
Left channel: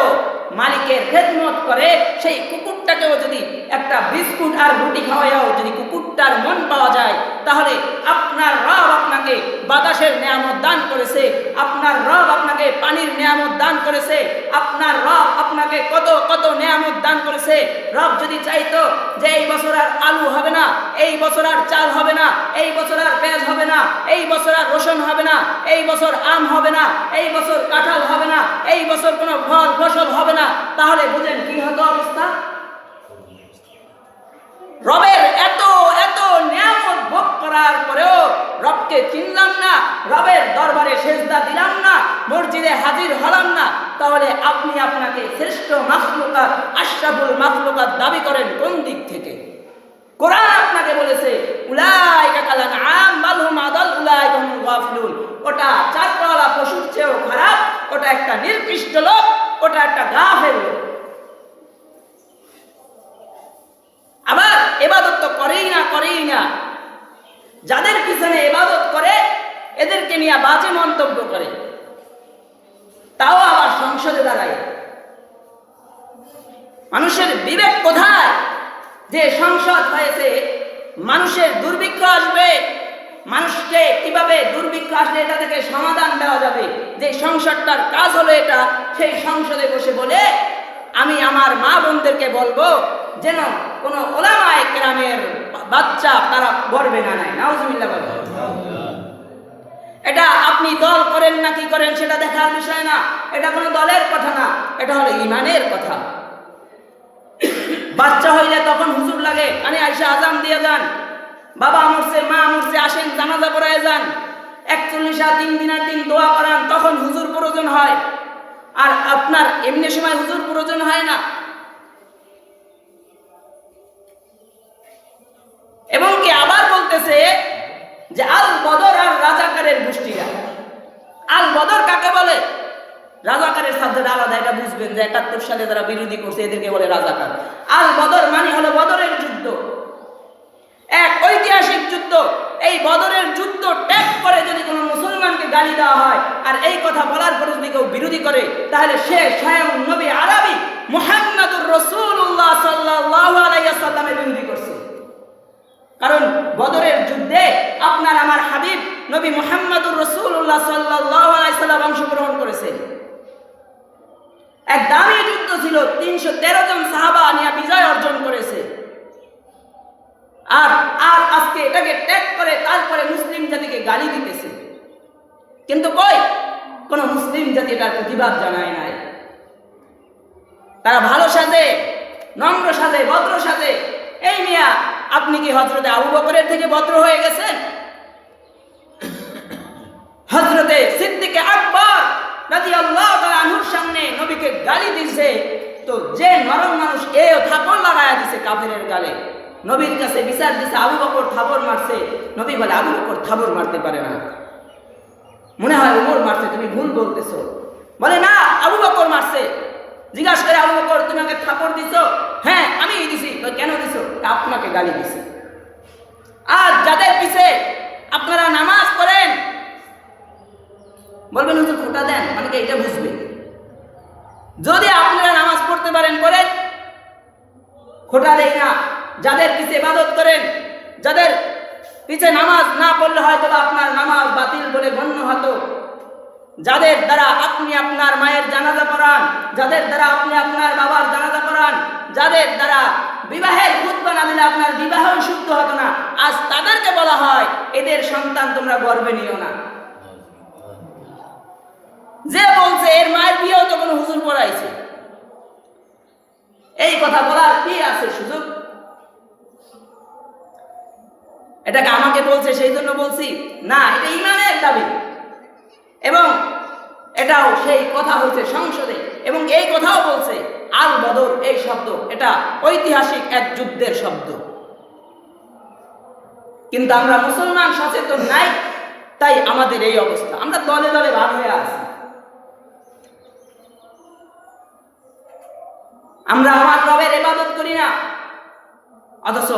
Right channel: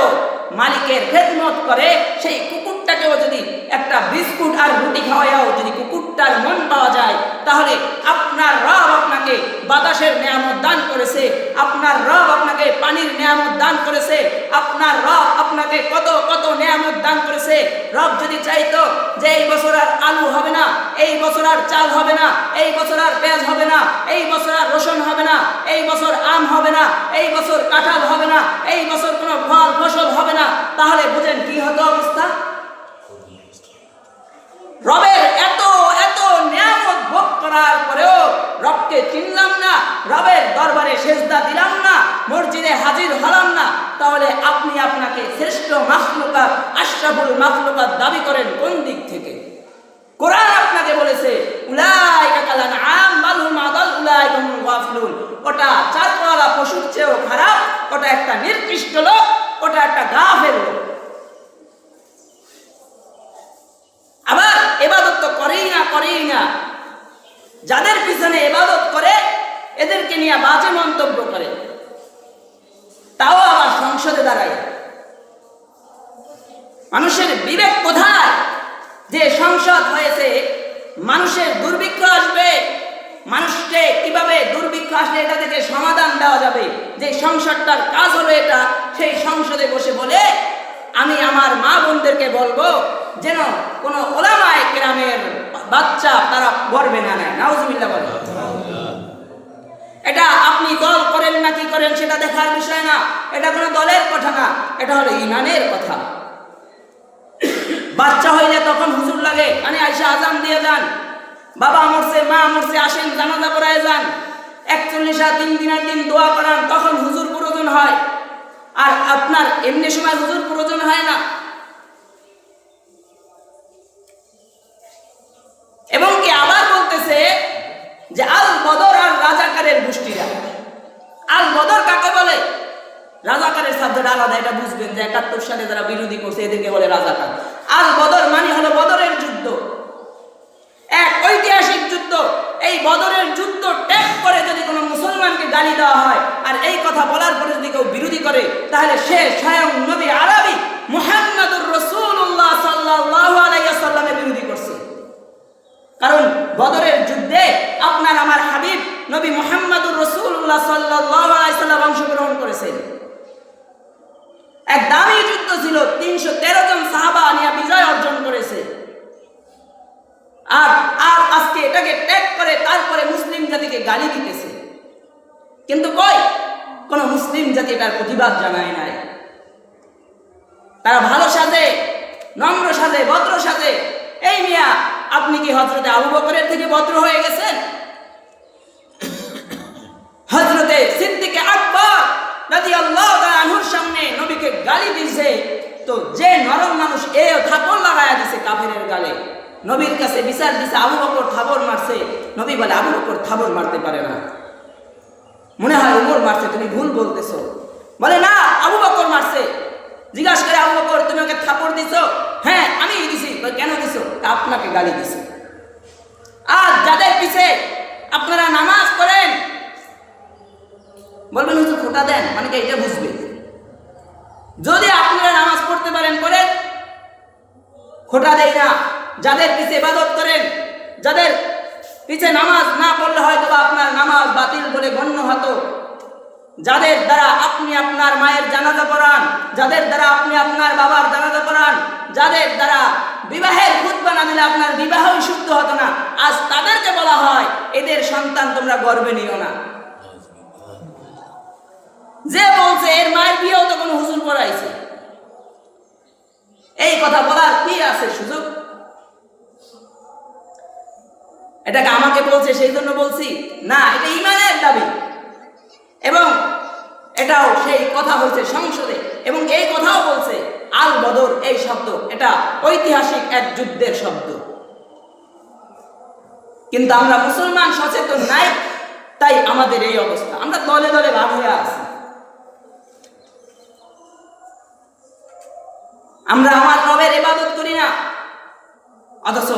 মালিকের খেদমত করে। সেই কুকুরটাকেও যদি একটা বিস্কুট আর রুটি খাওয়াইয়াও যদি কুকুরটার মন পাওয়া যায়, তাহলে আপনার রব আপনাকে বাতাসের নিয়ামত দান করেছে, আপনার রব আপনাকে পানির নিয়ামত দান করেছে, আপনার রব আপনাকে কত কত নিয়ামত দান করেছে। রব যদি চাইতো যে এই বছর আর আলু হবে না, এই বছর আর চাল হবে না, এই বছর আর পেঁয়াজ হবে না, এই বছর আর রসুন হবে না, এই বছর আম হবে না, এই বছর কাঁঠাল হবে না, এই বছর কোনো ফল ফসল হবে না, তাহলে বুঝেন কি হতো অবস্থা? রবের এত এত নিয়ামত ভোগ করার পরেও রবকে চিনলাম না, রবের দরবারে সেজদা দিলাম না, মসজিদে হাজির হলাম না, তাহলে আপনি আপনাকে শ্রেষ্ঠ মাখলুকাত, আশরাফুল মাখলুকাত দাবি করেন কোন দিক থেকে? কোরআন আপনাকে বলেছে উলাইকা কাল আনআম বাল হুম আদাল উলাইকা হুমুল গাফিলুন। ওটা 4 পাওয়ালা পশুর চেয়েও খারাপ, ওটা একটা নিকৃষ্ট লোক, ওটা একটা গাফেল লোক। আবার ইবাদত তো করেই না, যাদের পিছনে ইবাদত করে এদেরকে নিয়ে বাজে মন্তব্য করে, তাও আবার সংসদে দাঁড়ায়। মানুষের বিবেক কোথায়? যে সংসদ হয়েছে, মানুষের দুর্ভিক্ষ আসবে, মানুষকে কিভাবে দুর্ভিক্ষ আসলে এটা থেকে সমাধান দেওয়া যাবে, যে সংসদটার কাজ হলো এটা, সেই সংসদে বসে বলে আমি আমার মা বোনদেরকে বলবো যেন কোনো ওলামায়ে কেরামের বাচ্চা তারা গর্বে না নেয়। নাউজুবিল্লাহ বলে। এটা আপনি দল করেন না কি করেন সেটা দেখার বিষয় না, এটা কোনো দলের কথা না, এটা হলো ঈমানের কথা। বাচ্চা হইলে তখন হুজুর লাগে, মানে আইসা আজান দিয়ে যান, বাবা মরছে মা মরছে আসেন জানাজা পড়ায় যান, 41 3 দিনের দিন দোয়া করান, তখন হুজুর প্রয়োজন হয়। আর আপনার এমনি সময় হুজুর প্রয়োজন হয় না। এবং কি আবার বলতেছে যে আল বদর আর রাজাকারের গোষ্ঠীরা। আল বদর কাকে বলে? রাজাকারের সাবজেক্ট আলাদা, এটা বুঝবেন যে 71 সালে যারা বিরোধী করছে এদেরকে বলে রাজাকার। আল বদর মানে হলো বদরের যুদ্ধ, এক ঐতিহাসিক যুদ্ধ। এই বদরের যুদ্ধ ত্যাগ করে যদি কোনো মুসলমানকে গালি দেওয়া হয় আর এই কথা বলার পরে যদি কেউ বিরোধী করে, তাহলে সে স্বয়ং নবী আরবি মুহাম্মদুর রাসূলুল্লাহ সাল্লাল্লাহু আলাইহি ওয়াসাল্লামের বিরোধী করছে। কারণ বদরের যুদ্ধে আপনার আমার হাবিব নবী মুহাম্মদুর রাসূলুল্লাহ সাল্লাল্লাহু আলাইহি ওয়াসাল্লাম অংশগ্রহণ করেছেন। এক দামি যুদ্ধ ছিল, 313 জন সাহাবা নিয়ে বিজয় অর্জন করেছে। আর আর আজকে এটাকে ত্যাগ করে তারপরে মুসলিম জাতিকে গালি দিতেছে। কিন্তু কই কোন মুসলিম জাতি এটার প্রতিবাদ জানায় নাই। তারা ভালো সাজে, নম্র সাজে, ভদ্র সাজে। এই মিয়া, আপনি কি হযরতে আবু বকরের থেকে ভদ্র হয়ে গেছেন? হযরতে সিদ্দিক আকবর রাদিয়াল্লাহু তাআলা আনহুর সামনে নবীকে গালি দিয়েছে, তো যে নরম মানুষ এও থাপড় লাগায়া দিছে কাফেরের গালে। নবীর কাছে বিচার দিছে আবু বকর থাপড় মারছে, নবী বলে আবু বকর থাপড় মারতে পারে না, মনে হয় ওমর মারছে, তুমি ভুল বলতেছো। বলে না, আবু বকর মারছে। জিজ্ঞাসা করে আবু বকর তুমি আমাকে থাপড় দিছো? হ্যাঁ আমি দিছি। কেন দিছো? আপনাকে গালি দিছি। আর যাদের পিছে আপনারা নামাজ পড়েন, বলবেন হুজুর খোটা দেন, মানে কি এটা বুঝবে? যদি আপনারা নামাজ পড়তে পারেন পড়েন, খোটা দেই না। যাদের পিছে ইবাদত করেন, যাদের পিছে নামাজ না পড়লে হয়তো বা আপনার নামাজ বাতিল বলে গণ্য হতো, যাদের দ্বারা আপনি আপনার মায়ের জানাজা পড়ান, যাদের দ্বারা আপনি আপনার বাবার জানাজা পড়ান, যাদের দ্বারা বিবাহের খুতবা না দিলে আপনার বিবাহই শুদ্ধ হতো না, আজ তাদেরকে বলা হয় এদের সন্তান তোমরা গর্বে নিও না। যে বলছে এর মায়ের বিয়েও তো কোনো হুজুর পড়াইছে, এই কথা বলার কি আছে সুযোগ? এটাকে আমাকে বলছে সেই জন্য বলছি না, এটা ঈমানের দাবি। এবং এটাও সেই কথা হচ্ছে সংসদে, এবং এই কথাও বলছে আল বদর এই শব্দ, এটা ঐতিহাসিক এক যুদ্ধের শব্দ। কিন্তু আমরা মুসলমান সচেতন নাই, তাই আমাদের এই অবস্থা। আমরা দলে দলে ভাগ হয়ে আছি। আমরা আমার রবের ইবাদত করি না, অথচ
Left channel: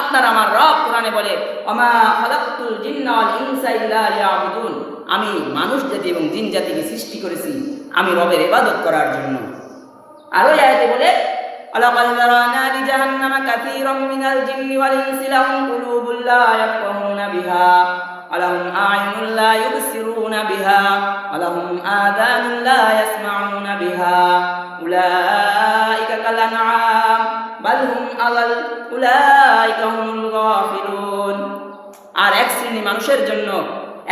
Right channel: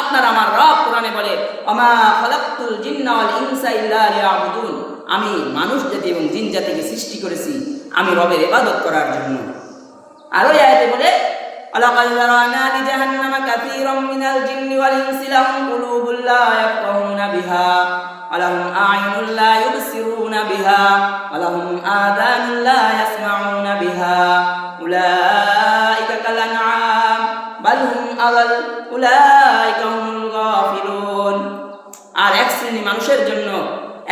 আপনার আমার রব কোরআনে বলে ওমা খালাকতুল জিন্না ওয়াল ইনসা ইল্লা লিয়াবুদুন, আমি মানুষ জাতি এবং জিন জাতিকে সৃষ্টি করেছি আমি রবের ইবাদত করার জন্য। আর ওই আয়াতে বলে আলাকাল যারানা লিজাহান্নামা কাসীরাম মিনাল জিন্নি ওয়াল ইনসি লাহুম কুলুবুল লা ইয়াফকাহুনা বিহা ওয়া লাহুম আ'য়ুনুন লা ইউবসিরুনা বিহা ওয়া লাহুম আযানুন লা ইয়াসমাউনা বিহা উলাইকা কাল আনআম বাল হুম আযাল উলাইকা হুমুল গাফিলুন। আর এক শ্রেণী মানুষের জন্য,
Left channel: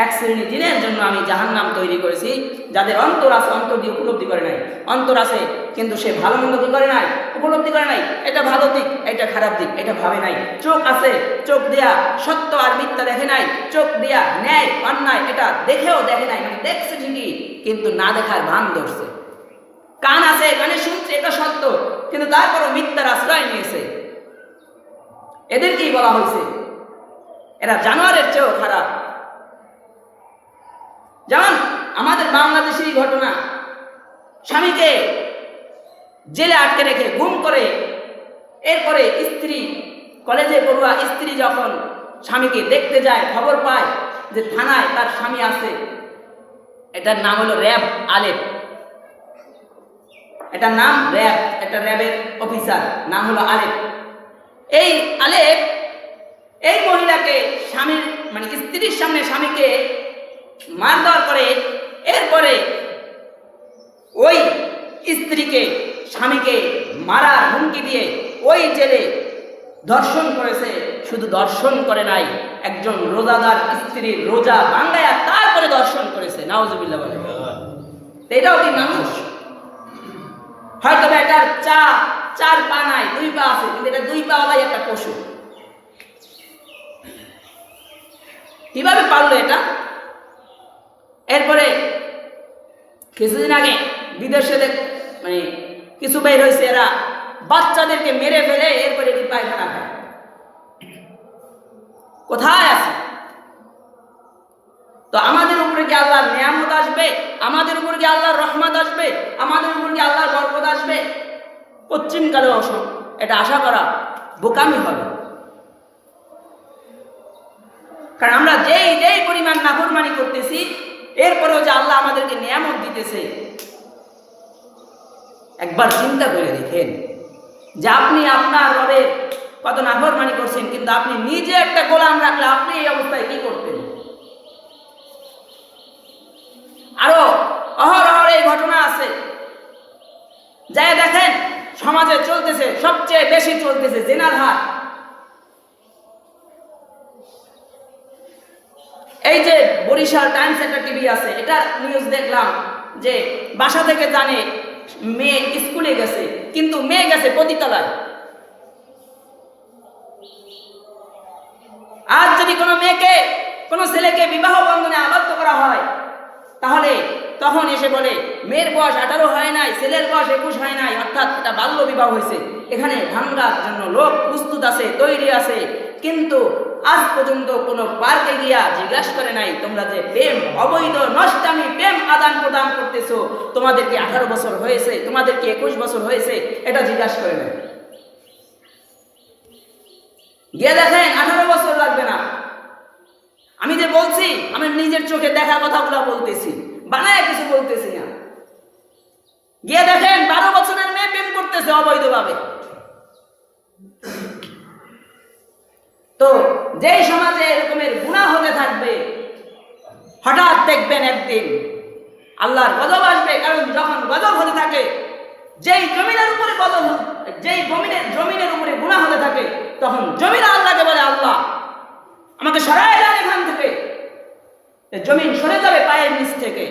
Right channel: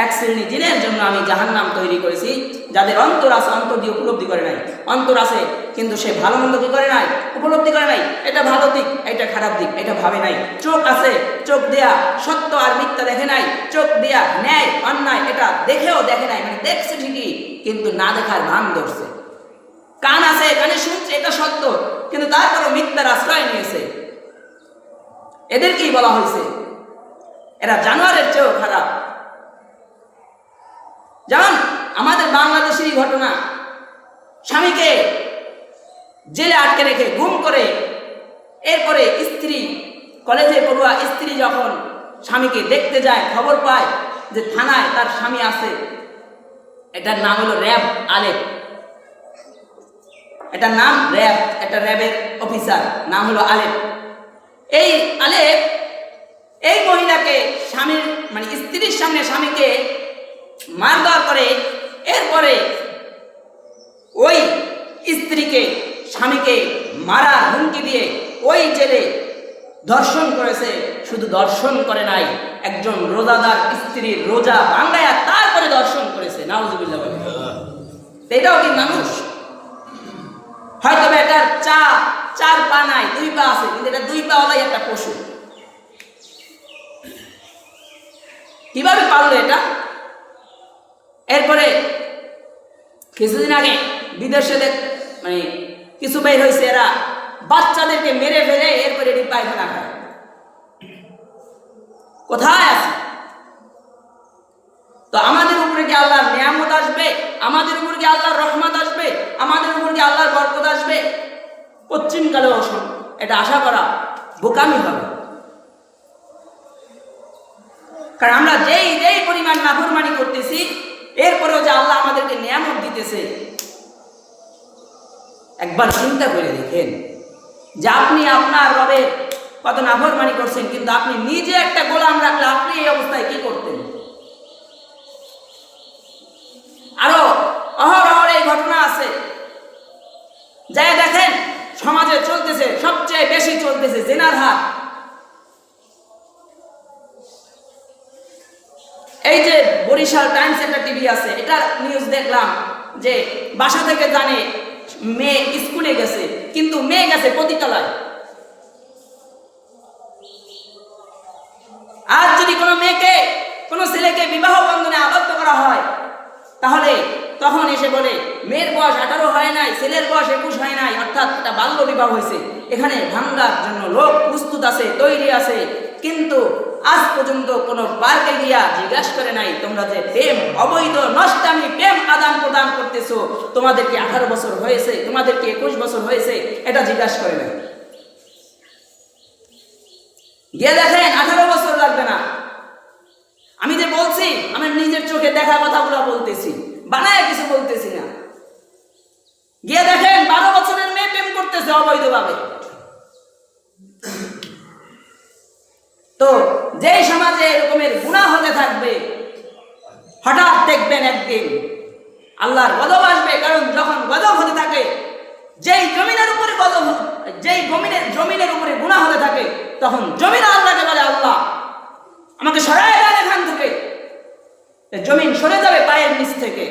এক শ্রেণী জিনের জন্য আমি জাহান্নাম তৈরি করেছি, যাদের অন্তর আছে, অন্তর দিয়ে উপলব্ধি করে নাই। অন্তর আছে কিন্তু সে ভালো মন্দ কি করে নাই, উপলব্ধি করে নাই। এটা ভালো দিক, এটা খারাপ দিক, এটা ভাবে নাই। চোখ আছে, চোখ দেয়া সত্য আর মিথ্যা দেখে নাই। চোখ দেয়া ন্যায় অন্যায় এটা দেখেও দেখে নাই, মানে দেখছে ঠিকই কিন্তু না দেখার ভান ধরছে। কান আছে, কানে শুনছে এটা সত্য, কিন্তু তারপরও মিথ্যার আশ্রয় নিয়েছে। এদেরকেই বলা হয়েছে এরা জানোয়ারের চেয়েও খারাপ। যেমন আমাদের বাংলাদেশেরই ঘটনা, স্বামীকে জেলে আটকে রেখে গুম করে, এরপরে স্ত্রী, কলেজে পড়ুয়া স্ত্রী যখন স্বামীকে দেখতে যায়, খবর পায় যে থানায় তার স্বামী আছে। এটার নাম হলো র্যাব আলেপ, এটার নাম র্যাব, এটা র্যাবের অফিসার, নাম হলো আলেপ। এই আলেপ এই মহিলাকে স্বামীর মানে স্ত্রীর সামনে স্বামীকে মারধর করে, এরপরে ওই স্ত্রীকে স্বামীকে মারার হুমকি দিয়ে ওই জেলে ধর্ষণ করেছে। শুধু ধর্ষণ করে নাই, একজন রোজাদার স্ত্রীর রোজা ভাঙায়া তারপরে করে দর্শন করেছে, নাউজুবিল্লাহ বলে। এটাও কি মানুষ? হয়তো এটার চার পা নাই, 2 পা আছে, কিন্তু এটা 2 পাওয়ালাই একটা পশু। কিভাবে পারলো এটা? এরপরে কিছুদিন আগে বিদেশে মানে কিছু বের হয়েছে, এরা বাচ্চাদেরকে মেরে ফেলে এরপরে এটি পায়খানা খায়। কোথায় আছে? তো আমাদের উপরে কি আল্লাহর নিয়ামত আসবে? আমাদের উপরে কি আল্লাহর রহমত আসবে? আমাদের উপরে কি আল্লাহর বরকত আসবে? পশ্চিমকালেও এটা আশা করা বোকামি হবে। কারণ আমরা যেই পরিমাণ নাফরমানি করতেছি, এরপরেও যে আল্লাহ আমাদেরকে নিয়ামত দিতেছে, একবার চিন্তা করে দেখেন যে আপনি আপনার রবের কত নাফরমানি করছেন, কিন্তু আপনি নিজে একটা গোলাম রাখলে আপনি এই অবস্থায় কি করতেন? আরো অহরহ এই ঘটনা আছে, যাই দেখেন সমাজে চলতেছে, সবচেয়ে বেশি চলতেছে জিনার হার। এই যে বরিশাল টাইমস একটা টিভি আছে, এটা নিউজ দেখলাম যে বাসা থেকে জানে মেয়ে স্কুলে গেছে, কিন্তু মেয়ে গেছে পতিতালয়। আজ যদি কোনো মেয়েকে, কোনো ছেলেকে বিবাহ বন্ধনে আবদ্ধ করা হয়, তাহলে তখন এসে বলে মেয়ের বয়স 18 হয় নাই, ছেলের বয়স 21 হয় নাই, অর্থাৎ এটা বাল্য বিবাহ হয়েছে। এখানে ভাঙ্গার জন্য লোক প্রস্তুত আছে, তৈরি আছে, কিন্তু আজ পর্যন্ত কোনো পার্কে গিয়া জিজ্ঞাসা করে নাই তোমরা যে প্রেম অবৈধ নষ্টামি প্রেম আদান প্রদান করতেছো, তোমাদেরকে 18 বছর হয়েছে, তোমাদেরকে 21 বছর হয়েছে, এটা জিজ্ঞাসা করে নাই। গিয়ে দেখেন 18 বছর লাগবে না। আমি যে বলছি, আমি নিজের চোখে দেখা কথাগুলো বলতেছি, বানায় কিছু বলতেছি না। গিয়ে দেখেন 12 বছরের মেয়ে প্রেম করতেছে অবৈধভাবে। তো যেই সমাজে এরকমের গুনাহ হতে থাকবে, হঠাৎ দেখবেন একদিন আল্লাহর গজব আসবে। কারণ যখন গজব হতে থাকে, যেই জমিনের উপরে গজব, যেই জমিনের উপরে গুনাহ হতে থাকে, তখন জমিন আল্লাহকে বলে আল্লাহ আমাকে সরায় দেন এখান থেকে। জমিন সরে যাবে পায়ের নিচ থেকে,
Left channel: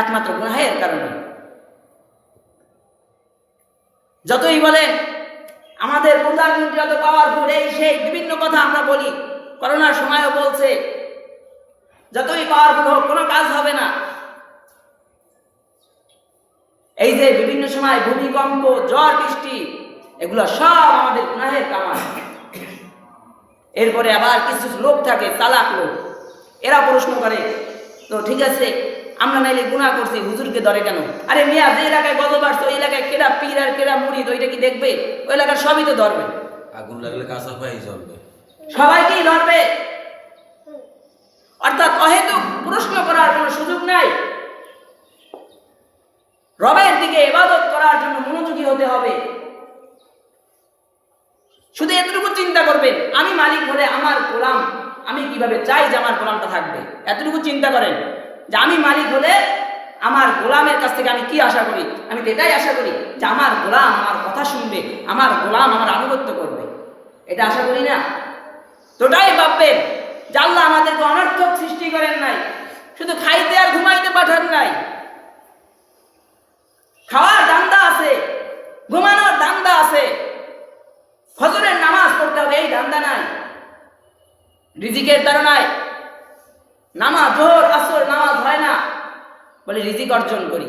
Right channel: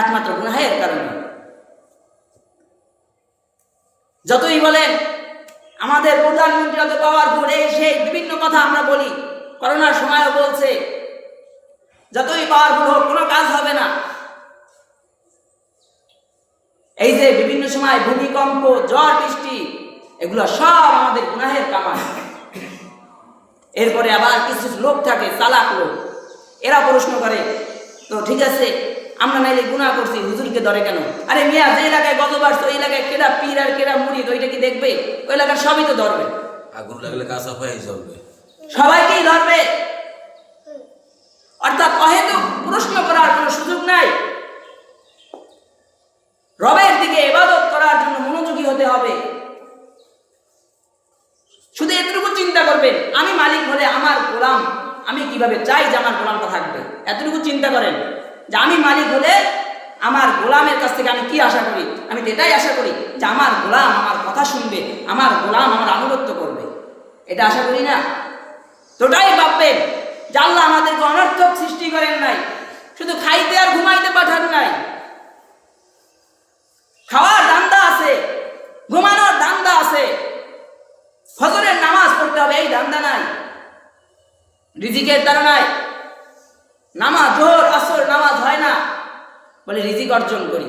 একমাত্র গুনাহের কারণে। যতই বলেন আমাদের প্রধানমন্ত্রী যত পাওয়ারফুল, এই সেই বিভিন্ন কথা আমরা বলি, করোনার সময়ও বলছে যতই পাওয়ারফুল হোক কোনো কাজ হবে না। এই যে বিভিন্ন সময় ভূমিকম্প, ঝড় বৃষ্টি, এগুলো সব আমাদের গুনাহের কামাই। এরপরে আবার কিছু লোক থাকে, চালাক লোক, এরা প্রশ্ন করে তো ঠিক আছে আমরা নাইলে গুনাহ করছি, হুজুরকে ধরে কেন? আরে মিয়া, যে এলাকায় গজব আসছে ওই এলাকায় কেডা পীর আর কেডা মুরিদ, ওইটা কি দেখবে? ওই এলাকার সবই তো ধরবে, আগুন লাগলে কাঁচা পাই চলবে, সবাইকেই ধরবে। অর্থাৎ অহেতুক প্রশ্ন করার কোনো সুযোগ নাই। রবের দিকে ইবাদত করার জন্য মনোযোগী হতে হবে। শুধু এতটুকু চিন্তা করবেন, আমি মালিক হলে আমার গোলাম, আমি কিভাবে চাই যে আমার গোলামটা থাকবে, এতটুকু চিন্তা করেন যে আমি মালিক হলে আমার গোলামের কাছ থেকে আমি কি আশা করি? আমি তো এটাই আশা করি যে আমার গোলাম আমার কথা শুনবে, আমার গোলাম আমার আনুগত্য করবে। এটা আশা করি না? তোটাই ভাববেন যে আল্লাহ আমাদেরকে অনর্থক সৃষ্টি করেন নাই, শুধু খাইতে আর ঘুমাইতে পাঠান নাই। খাওয়ার ধান্দা আছে, ঘুমানোর ধান্দা আছে, ফজরের নামাজ পড়তে হবে এই ধান্দা নাই, রিজিকের দ্বারা নাই। নামাজ জোহর আসর নামাজ হয় না বলে রিজিক অর্জন করি।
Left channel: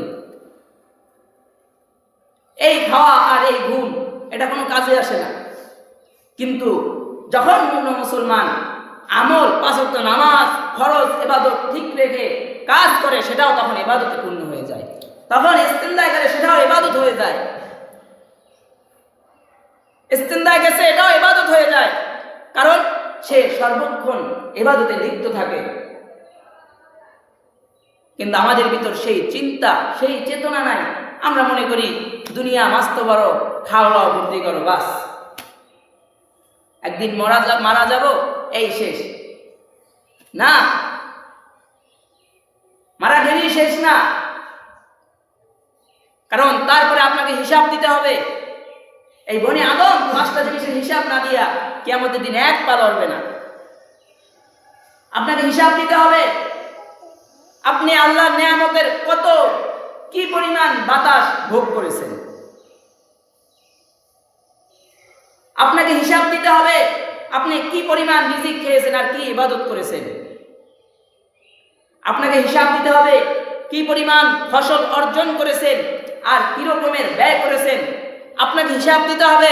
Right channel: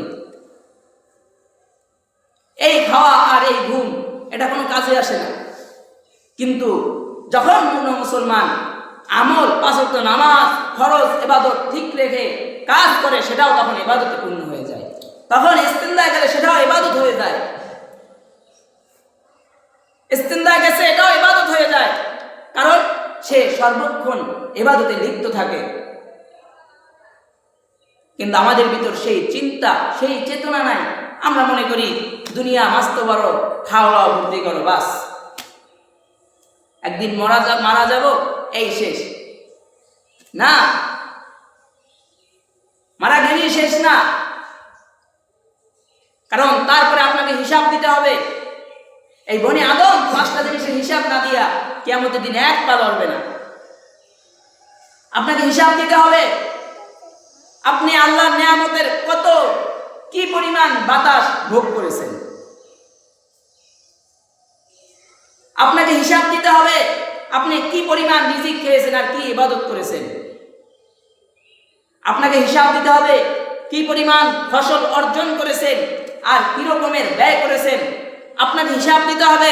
এই খাওয়া আর এই ঘুম এটা কোনো কাজে আসে না। কিন্তু যখন কোনো মুসলমান আমল, 5 ওয়াক্ত নামাজ, ফরজ ইবাদত ঠিক রেখে কাজ করে, সেটাও তখন ইবাদতে পূর্ণ হয়ে যায়। তখন ইস্তেনজা গেলে সেটাও ইবাদত হয়ে যায়, ইস্তেনজা গেছে এটাও ইবাদত হয়ে যায়, কারণ সে সর্বক্ষণ ইবাদতে লিপ্ত থাকে। কিন্তু আমাদের ভিতর সেই চিন্তা, সেই চেতনা নাই। আমরা মনে করি দুনিয়া মাস্ত বড়, খাও লাও বুদ্ধি করো, বাস একদিন মারা যাব, এই শেষ না। মারা গেলেই শেষ না, কারণ তারপরে আপনাকে হিসাব দিতে হবে। এই বনি আদম 5টা জিনিসের হিসাব না দিয়া কিয়ামতের দিন এক পা লড়বে না। আপনাকে হিসাব দিতে হবে। আপনি আল্লাহর নেয়ামতের কত কি পরিমাণ বাতাস ভোগ করেছেন। আপনাকে হিসাব দিতে হবে আপনি কি পরিমাণ রিজিক খেয়েছেন আর কি ইবাদত করেছেন। আপনাকে হিসাব দিতে হবে কি পরিমাণ ফসল অর্জন করেছেন আর কি রকমের ব্যয় করেছেন। আপনাকে হিসাব দিতে হবে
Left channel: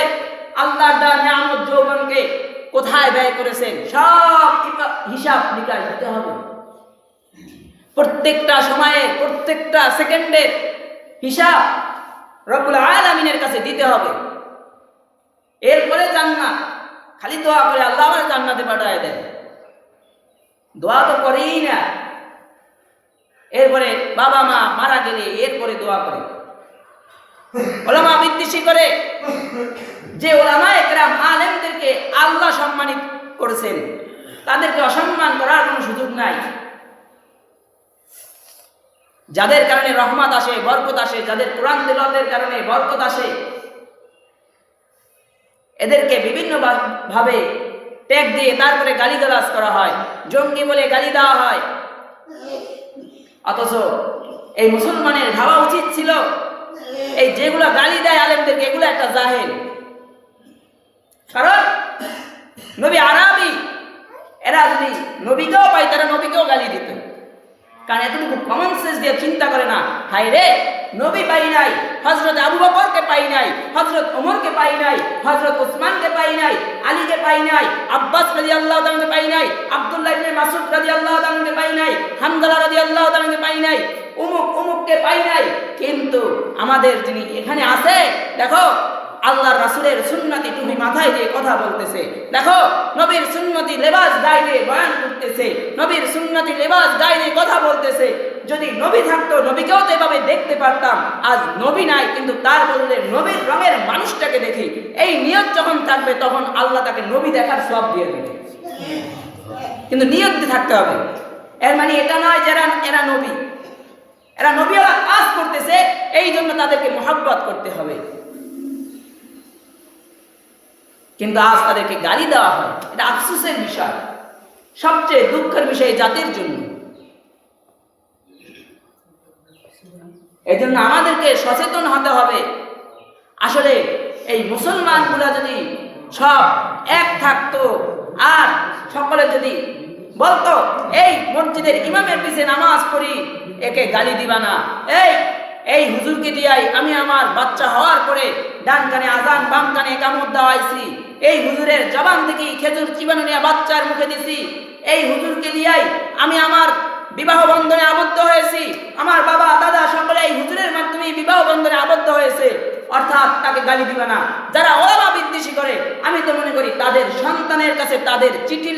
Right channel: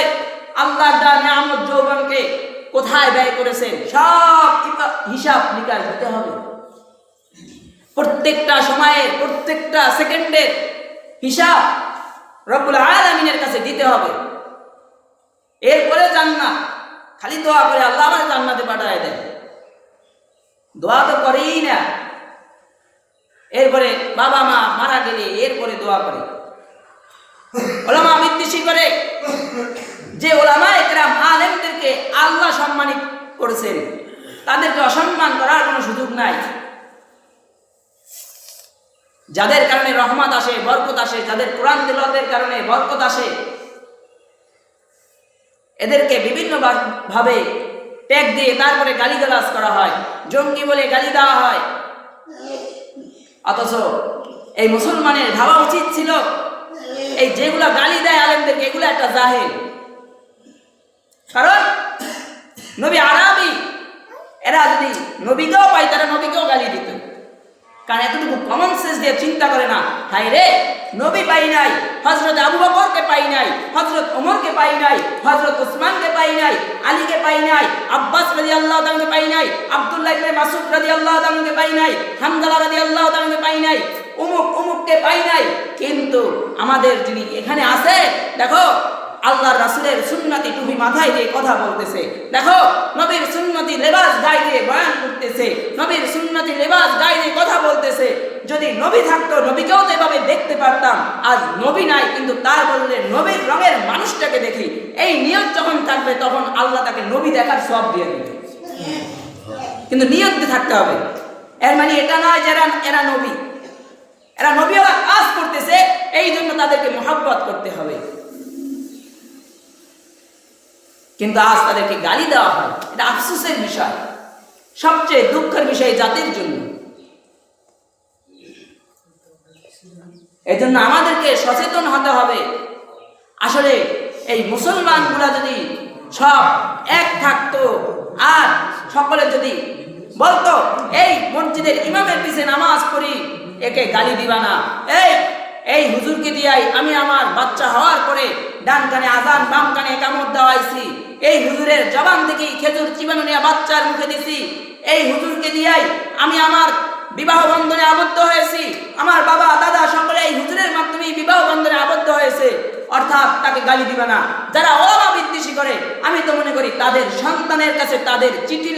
আল্লাহর দেওয়া নিয়ামত যৌবনকে কোথায় ব্যয় করেছেন। সব হিসাব নিকাশ দিতে হবে। প্রত্যেকটা সময়ের প্রত্যেকটা সেকেন্ডের হিসাব রব্বুল আলামিনের কাছে দিতে হবে। এরপরে জান্নাত। খালি দোয়া করে আল্লাহ আমার জান্নাতে পাঠায় দেয়, দোয়া তো করেই না। এরপরে বাবা মা মারা গেলে এরপরে দোয়া করে, ওলামা বিদ্বেষী করে। যে ওলামা একরাম আলেমদেরকে আল্লাহ সম্মানিত করেছেন তাদেরকে অসম্মান করার কোনো সুযোগ নাই। যাদের কারণে রহমত আসে, বরকত আসে, যাদের কোরআন তেলাওয়াতের কারণে বরকত আসে, এদেরকে বিভিন্ন ভাবে ট্যাগ দিয়ে তারপরে গালিগালাজ করা হয়, জঙ্গি বলে গালি দেওয়া হয়। অথচ এই মুসলমানের ভাবা উচিত ছিল এই যেগুলা গালি দেয় আলেমদেরকে এগুলো একটা জাহেল। কারণ নবী আরবি, এরা যদি নবীকেও পাই তারা নবীকেও গালি দিত। কারণ এতটুকু কমন সেন্স দিয়ে চিন্তা করে না, হাই রে নবী পাই নাই, হযরত আবু বকরকে পাই নাই, হযরত ওমরকে পাই নাই, হযরত ওসমানকে পাই নাই, আলীকে পাই নাই, আব্বাস রাদিয়াল্লাহু তাআলাকে পাই নাই, আব্দুল্লাহ ইবনে মাসউদ রাদিয়াল্লাহু তাআলাকে পাই নাই, হামজালা রাদিয়াল্লাহু তাআলাকে পাই নাই, অমুককে পাই নাই। কিন্তু আমাদের যিনি এখানে আছে, দেখো আল্লাহর রাসূলের সুন্নতি টুপি মাথায় দিয়ে কথা বলতেছে, দেখো নবীর সুন্নতি লেবাস গায়ে দিয়ে বয়ান করতেছে, নবীর সুন্নতি লেবাস গায়ে দিয়ে কথা বলতেছে। যদি নবী থাকতো নবীকেও তো এভাবে দেখতে পারতাম। আজ নবী নাই কিন্তু তার বদলে নবীর রঙের মানুষটাকে দেখি, এই নিয়ত যখন থাকবে তখন আল্লাহ তাকে নবী দেখার সওয়াব দিয়ে দিবে। কিন্তু নিয়ত থাকতে হবে। এর মানে এটা নয় যে এরা নবী, এরা নবীওয়ালা কাজ করতেছে এই জন্য তাদেরকে মহব্বত করতে হবে। কিন্তু আজ তাদেরকে গালি দেওয়া হয়, এটা আফসোসের বিষয়, সবচেয়ে দুঃখের বিষয় জাতির জন্য। এই জন্য আমাদেরকে সচেতন হতে হবে। আসলে এই মুসলমানগুলা যদি সব এক থাকতো আর সকলে যদি বলতো এই মসজিদের ইমামের পিছে নামাজ পড়ি, একে গালি দিবা না, এই হুজুরকে দিয়াই আমি আমার বাচ্চা হওয়ার পরে ডান কানে আজান বাম কানে একামত দেওয়াইছি, এই হুজুরের জবান থেকে খেজুর চিবানো নিয়ে বাচ্চার মুখে দিছি, এই হুজুরকে দিয়াই আমি আমার বিবাহ বন্ধনে আবদ্ধ হয়েছি, আমার বাবা দাদা সকলে এই হুজুরের মাধ্যমে বিবাহ বন্ধনে আবদ্ধ হয়েছে, অর্থাৎ তাকে গালি দিবা না। যারা ওলামা বিদ্বেষী করে আমি তো মনে করি তাদের সন্তানের কাছে তাদের চিঠি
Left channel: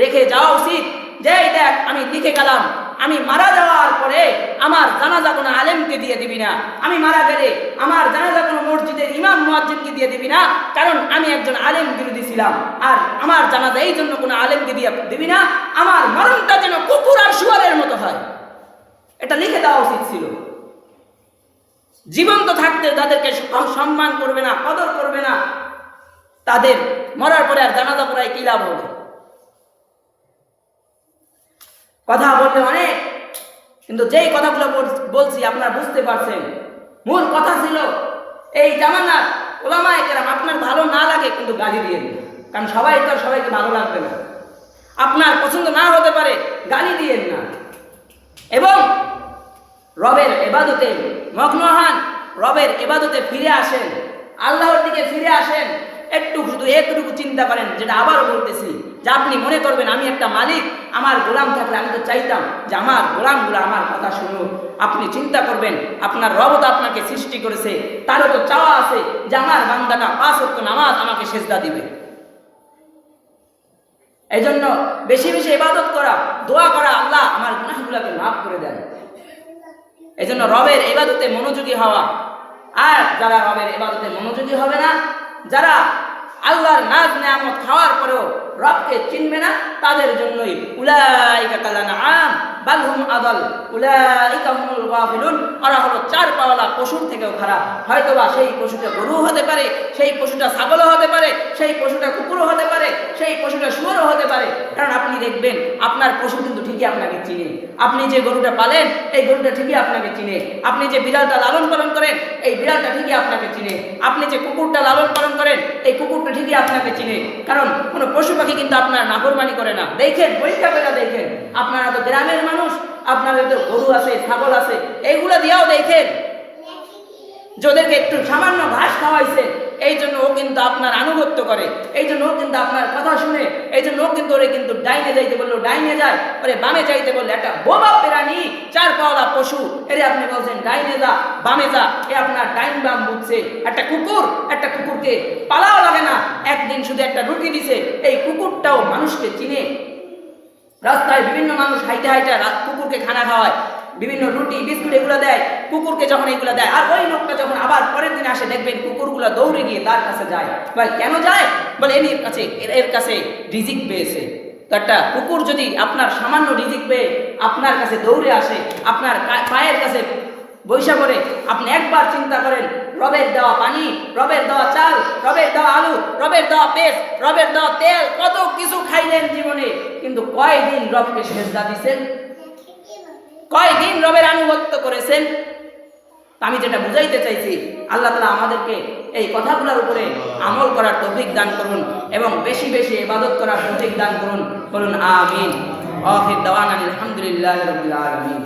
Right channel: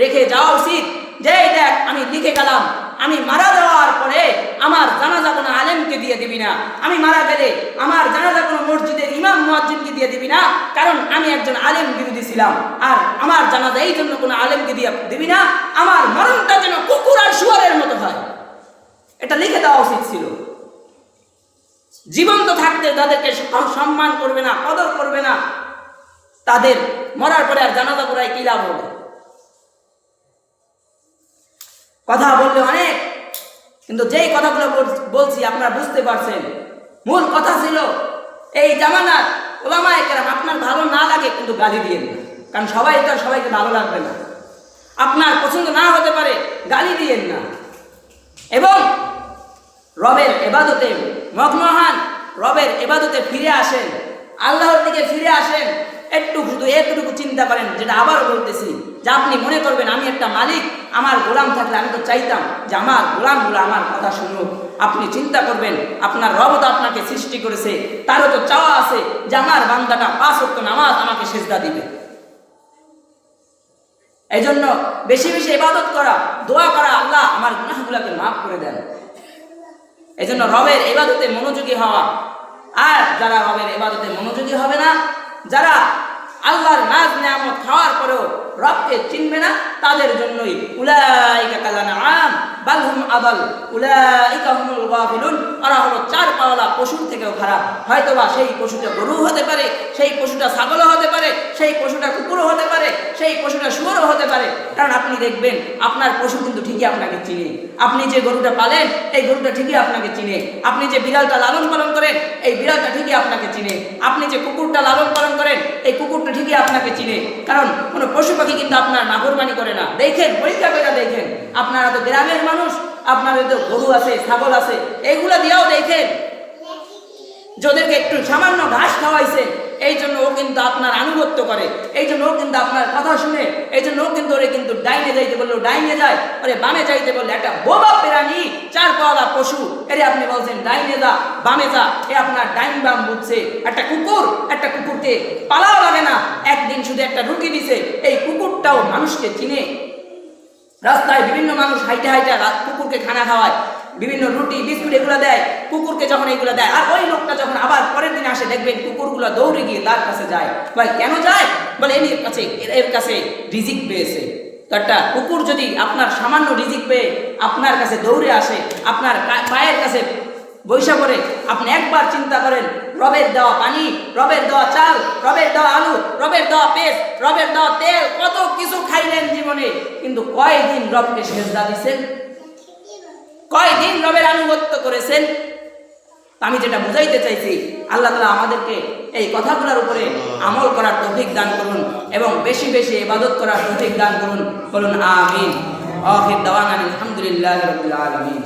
রেখে যাওয়া উচিত যে দেখ আমি লিখে গেলাম, আমি মারা যাওয়ার পরে আমার জানাজা কোনো আলেমকে দিয়ে দিবি না, আমি মারা গেলে আমার জানাজা কোনো মসজিদের ইমাম মুয়াজ্জিনকে দিয়ে দিবি না, কারণ আমি একজন আলেম বিরোধী ছিলাম। আর আমার জানাজা এই জন্য কোনো আলেমকে দিয়ে দিবি না, আমার মরণটা যেন কুকুর আর শুয়ারের মতো হয়, এটা লিখে দেওয়া উচিত ছিল। জীবন্ত থাকতে তাদেরকে সম্মান করবে না, কদর করবে না, তাদের মরার পরে আর জানাজা পড়ায় কি লাভ হবে? কথা বললে অনেক, কিন্তু যেই কথাগুলো বলছি আপনারা বুঝতে পারছেন। মূল কথা ছিল এই জামানার ওলামায়ে কেরাম আপনার ভালো না লাগে কিন্তু গালি দিয়েন না, কারণ সবাই তো সবাইকে ভালো লাগবে না, আপনার পছন্দ না হতে পারে, গালি দিয়েন না। এবং রবের ইবাদতে মগ্ন হন, রবের ইবাদতে ফিরে আসেন, আল্লাহর দিকে ফিরে আসেন। এতটুকু চিন্তা করেন, যেটা আবারও বলতেছি, যে আপনি মনে করবেন আমি একটা মালিক, আমার গোলাম থাকলে আমি তো চাইতাম যে আমার গোলামগুলো আমার কথা শুনুক। আপনি চিন্তা করবেন আপনার রব তো আপনাকে সৃষ্টি করেছে, তারও তো চাওয়া আছে যে আমার বান্দাটা 5 ওয়াক্ত নামাজ আমাকে সেজদা দিবে। এই জন্য বেশি বেশি ইবাদত করা, দোয়া করা, আল্লাহ আমার গুনাহগুলোকে মাফ করে দেন। এই জন্য রবের ইবাদতে মনোযোগী হওয়া। আর যারা রবের ইবাদতে মনোযোগী হবে না, যারা আল্লাহর নাজ নেয়ামত খাওয়ার পরেও রবকে চিনবে না তাদের জন্যই উলাইকা কাল আনআম বাল হুম আদাল উলাইকা হুমুল গাফিলুন, ওরা হলো চার পাওয়ালা পশুর থেকেও খারাপ। হয়তোবা সেই পশুটা গরু হতে পারে, সেই পশুটা ছাগলও হতে পারে, সেই পশুটা কুকুরও হতে পারে, সেই পশুটা শুয়োরও হতে পারে। কারণ আপনি দেখবেন আপনার পশু কিন্তু ঠিকই আপনাকে চিনে। আপনি যে গরুটা পালেন এই গরুটা ঠিকই আপনাকে চিনে। আপনি যে বিড়ালটা লালন পালন করেন এই বিড়ালটা ঠিকই আপনাকে চিনে। আপনি যে কুকুরটা লালন পালন করেন এই কুকুরটা ঠিকই আপনাকে চিনে। কারণ কোনো পশু পাখি কিন্তু আপনার নাফরমানি করে না। দেখেন, পরীক্ষা করে দেখেন। আপনারা তো গ্রামের মানুষ, আপনাদের তো গরু আছে, ছাগল আছে, এইগুলো দিয়েও দেখেন যাদেরকে একটু সামান্য ঘাস খাওয়াইছেন এই জন্য ও কিন্তু আপনার আনুগত্য করে, এই জন্য ও কিন্তু আপনার কথা শুনে, এই জন্য ও কিন্তু ওরে কিন্তু ডাইনে যাইতে বললো ডাইনে যায়, ওরে বামে যাইতে বললে একটা বোবা প্রাণী চার পাওয়ালা পশু এরে আপনি বলছেন ডাইনে যা বামে যা, এ আপনার ডাইন বাম বুঝছে। একটা কুকুরকে পালাও লাগে না, একদিন শুধু একটা রুটি দিছে, এই কুকুরটাও মানুষকে চিনে। রাস্তায় বিভিন্ন মানুষ হাইটে হাইটে কুকুরকে খানা খাওয়ায়, বিভিন্ন রুটি বিস্কুট এগুলো দেয় কুকুরকে, যখন এগুলো দেয় আর ওই লোকটা যখন আবার পরের দিন আসে দেখবেন কুকুরগুলো দৌড়ে গিয়ে তার কাছে যায়। ভাই কেন যায়? বলে এর কাছে রিজিক পেয়েছে। তো একটা কুকুর যদি আপনার সামান্য রিজিক পেয়ে আপনার কাছে দৌড়ে আসে, আপনার পায়ের কাছে বৈশা করে, আপনি একবার চিন্তা করেন রবের দেওয়া পানি, রবের দেওয়া চাল, রবের দেওয়া আলু, রবের দেওয়া পেস্ট, রবের দেওয়া তেল, কত কিছু খাইলেন জীবনে, কিন্তু কয়দিন রবকে সেজদা দিছেন? কয়দিন রবের আনুগত্য করেছেন? আমি যেটা বুঝাইতে চাইছি, আল্লাহ তাআলা আমাদেরকে এই কথাগুলোর উপরে আমল করার তৌফিক দান করুন এবং বেশি বেশি ইবাদত করার তৌফিক দান করুন। বলুন আমিন। আখির দাওয়ানা আলহামদুলিল্লাহি রাব্বিল আলামিন।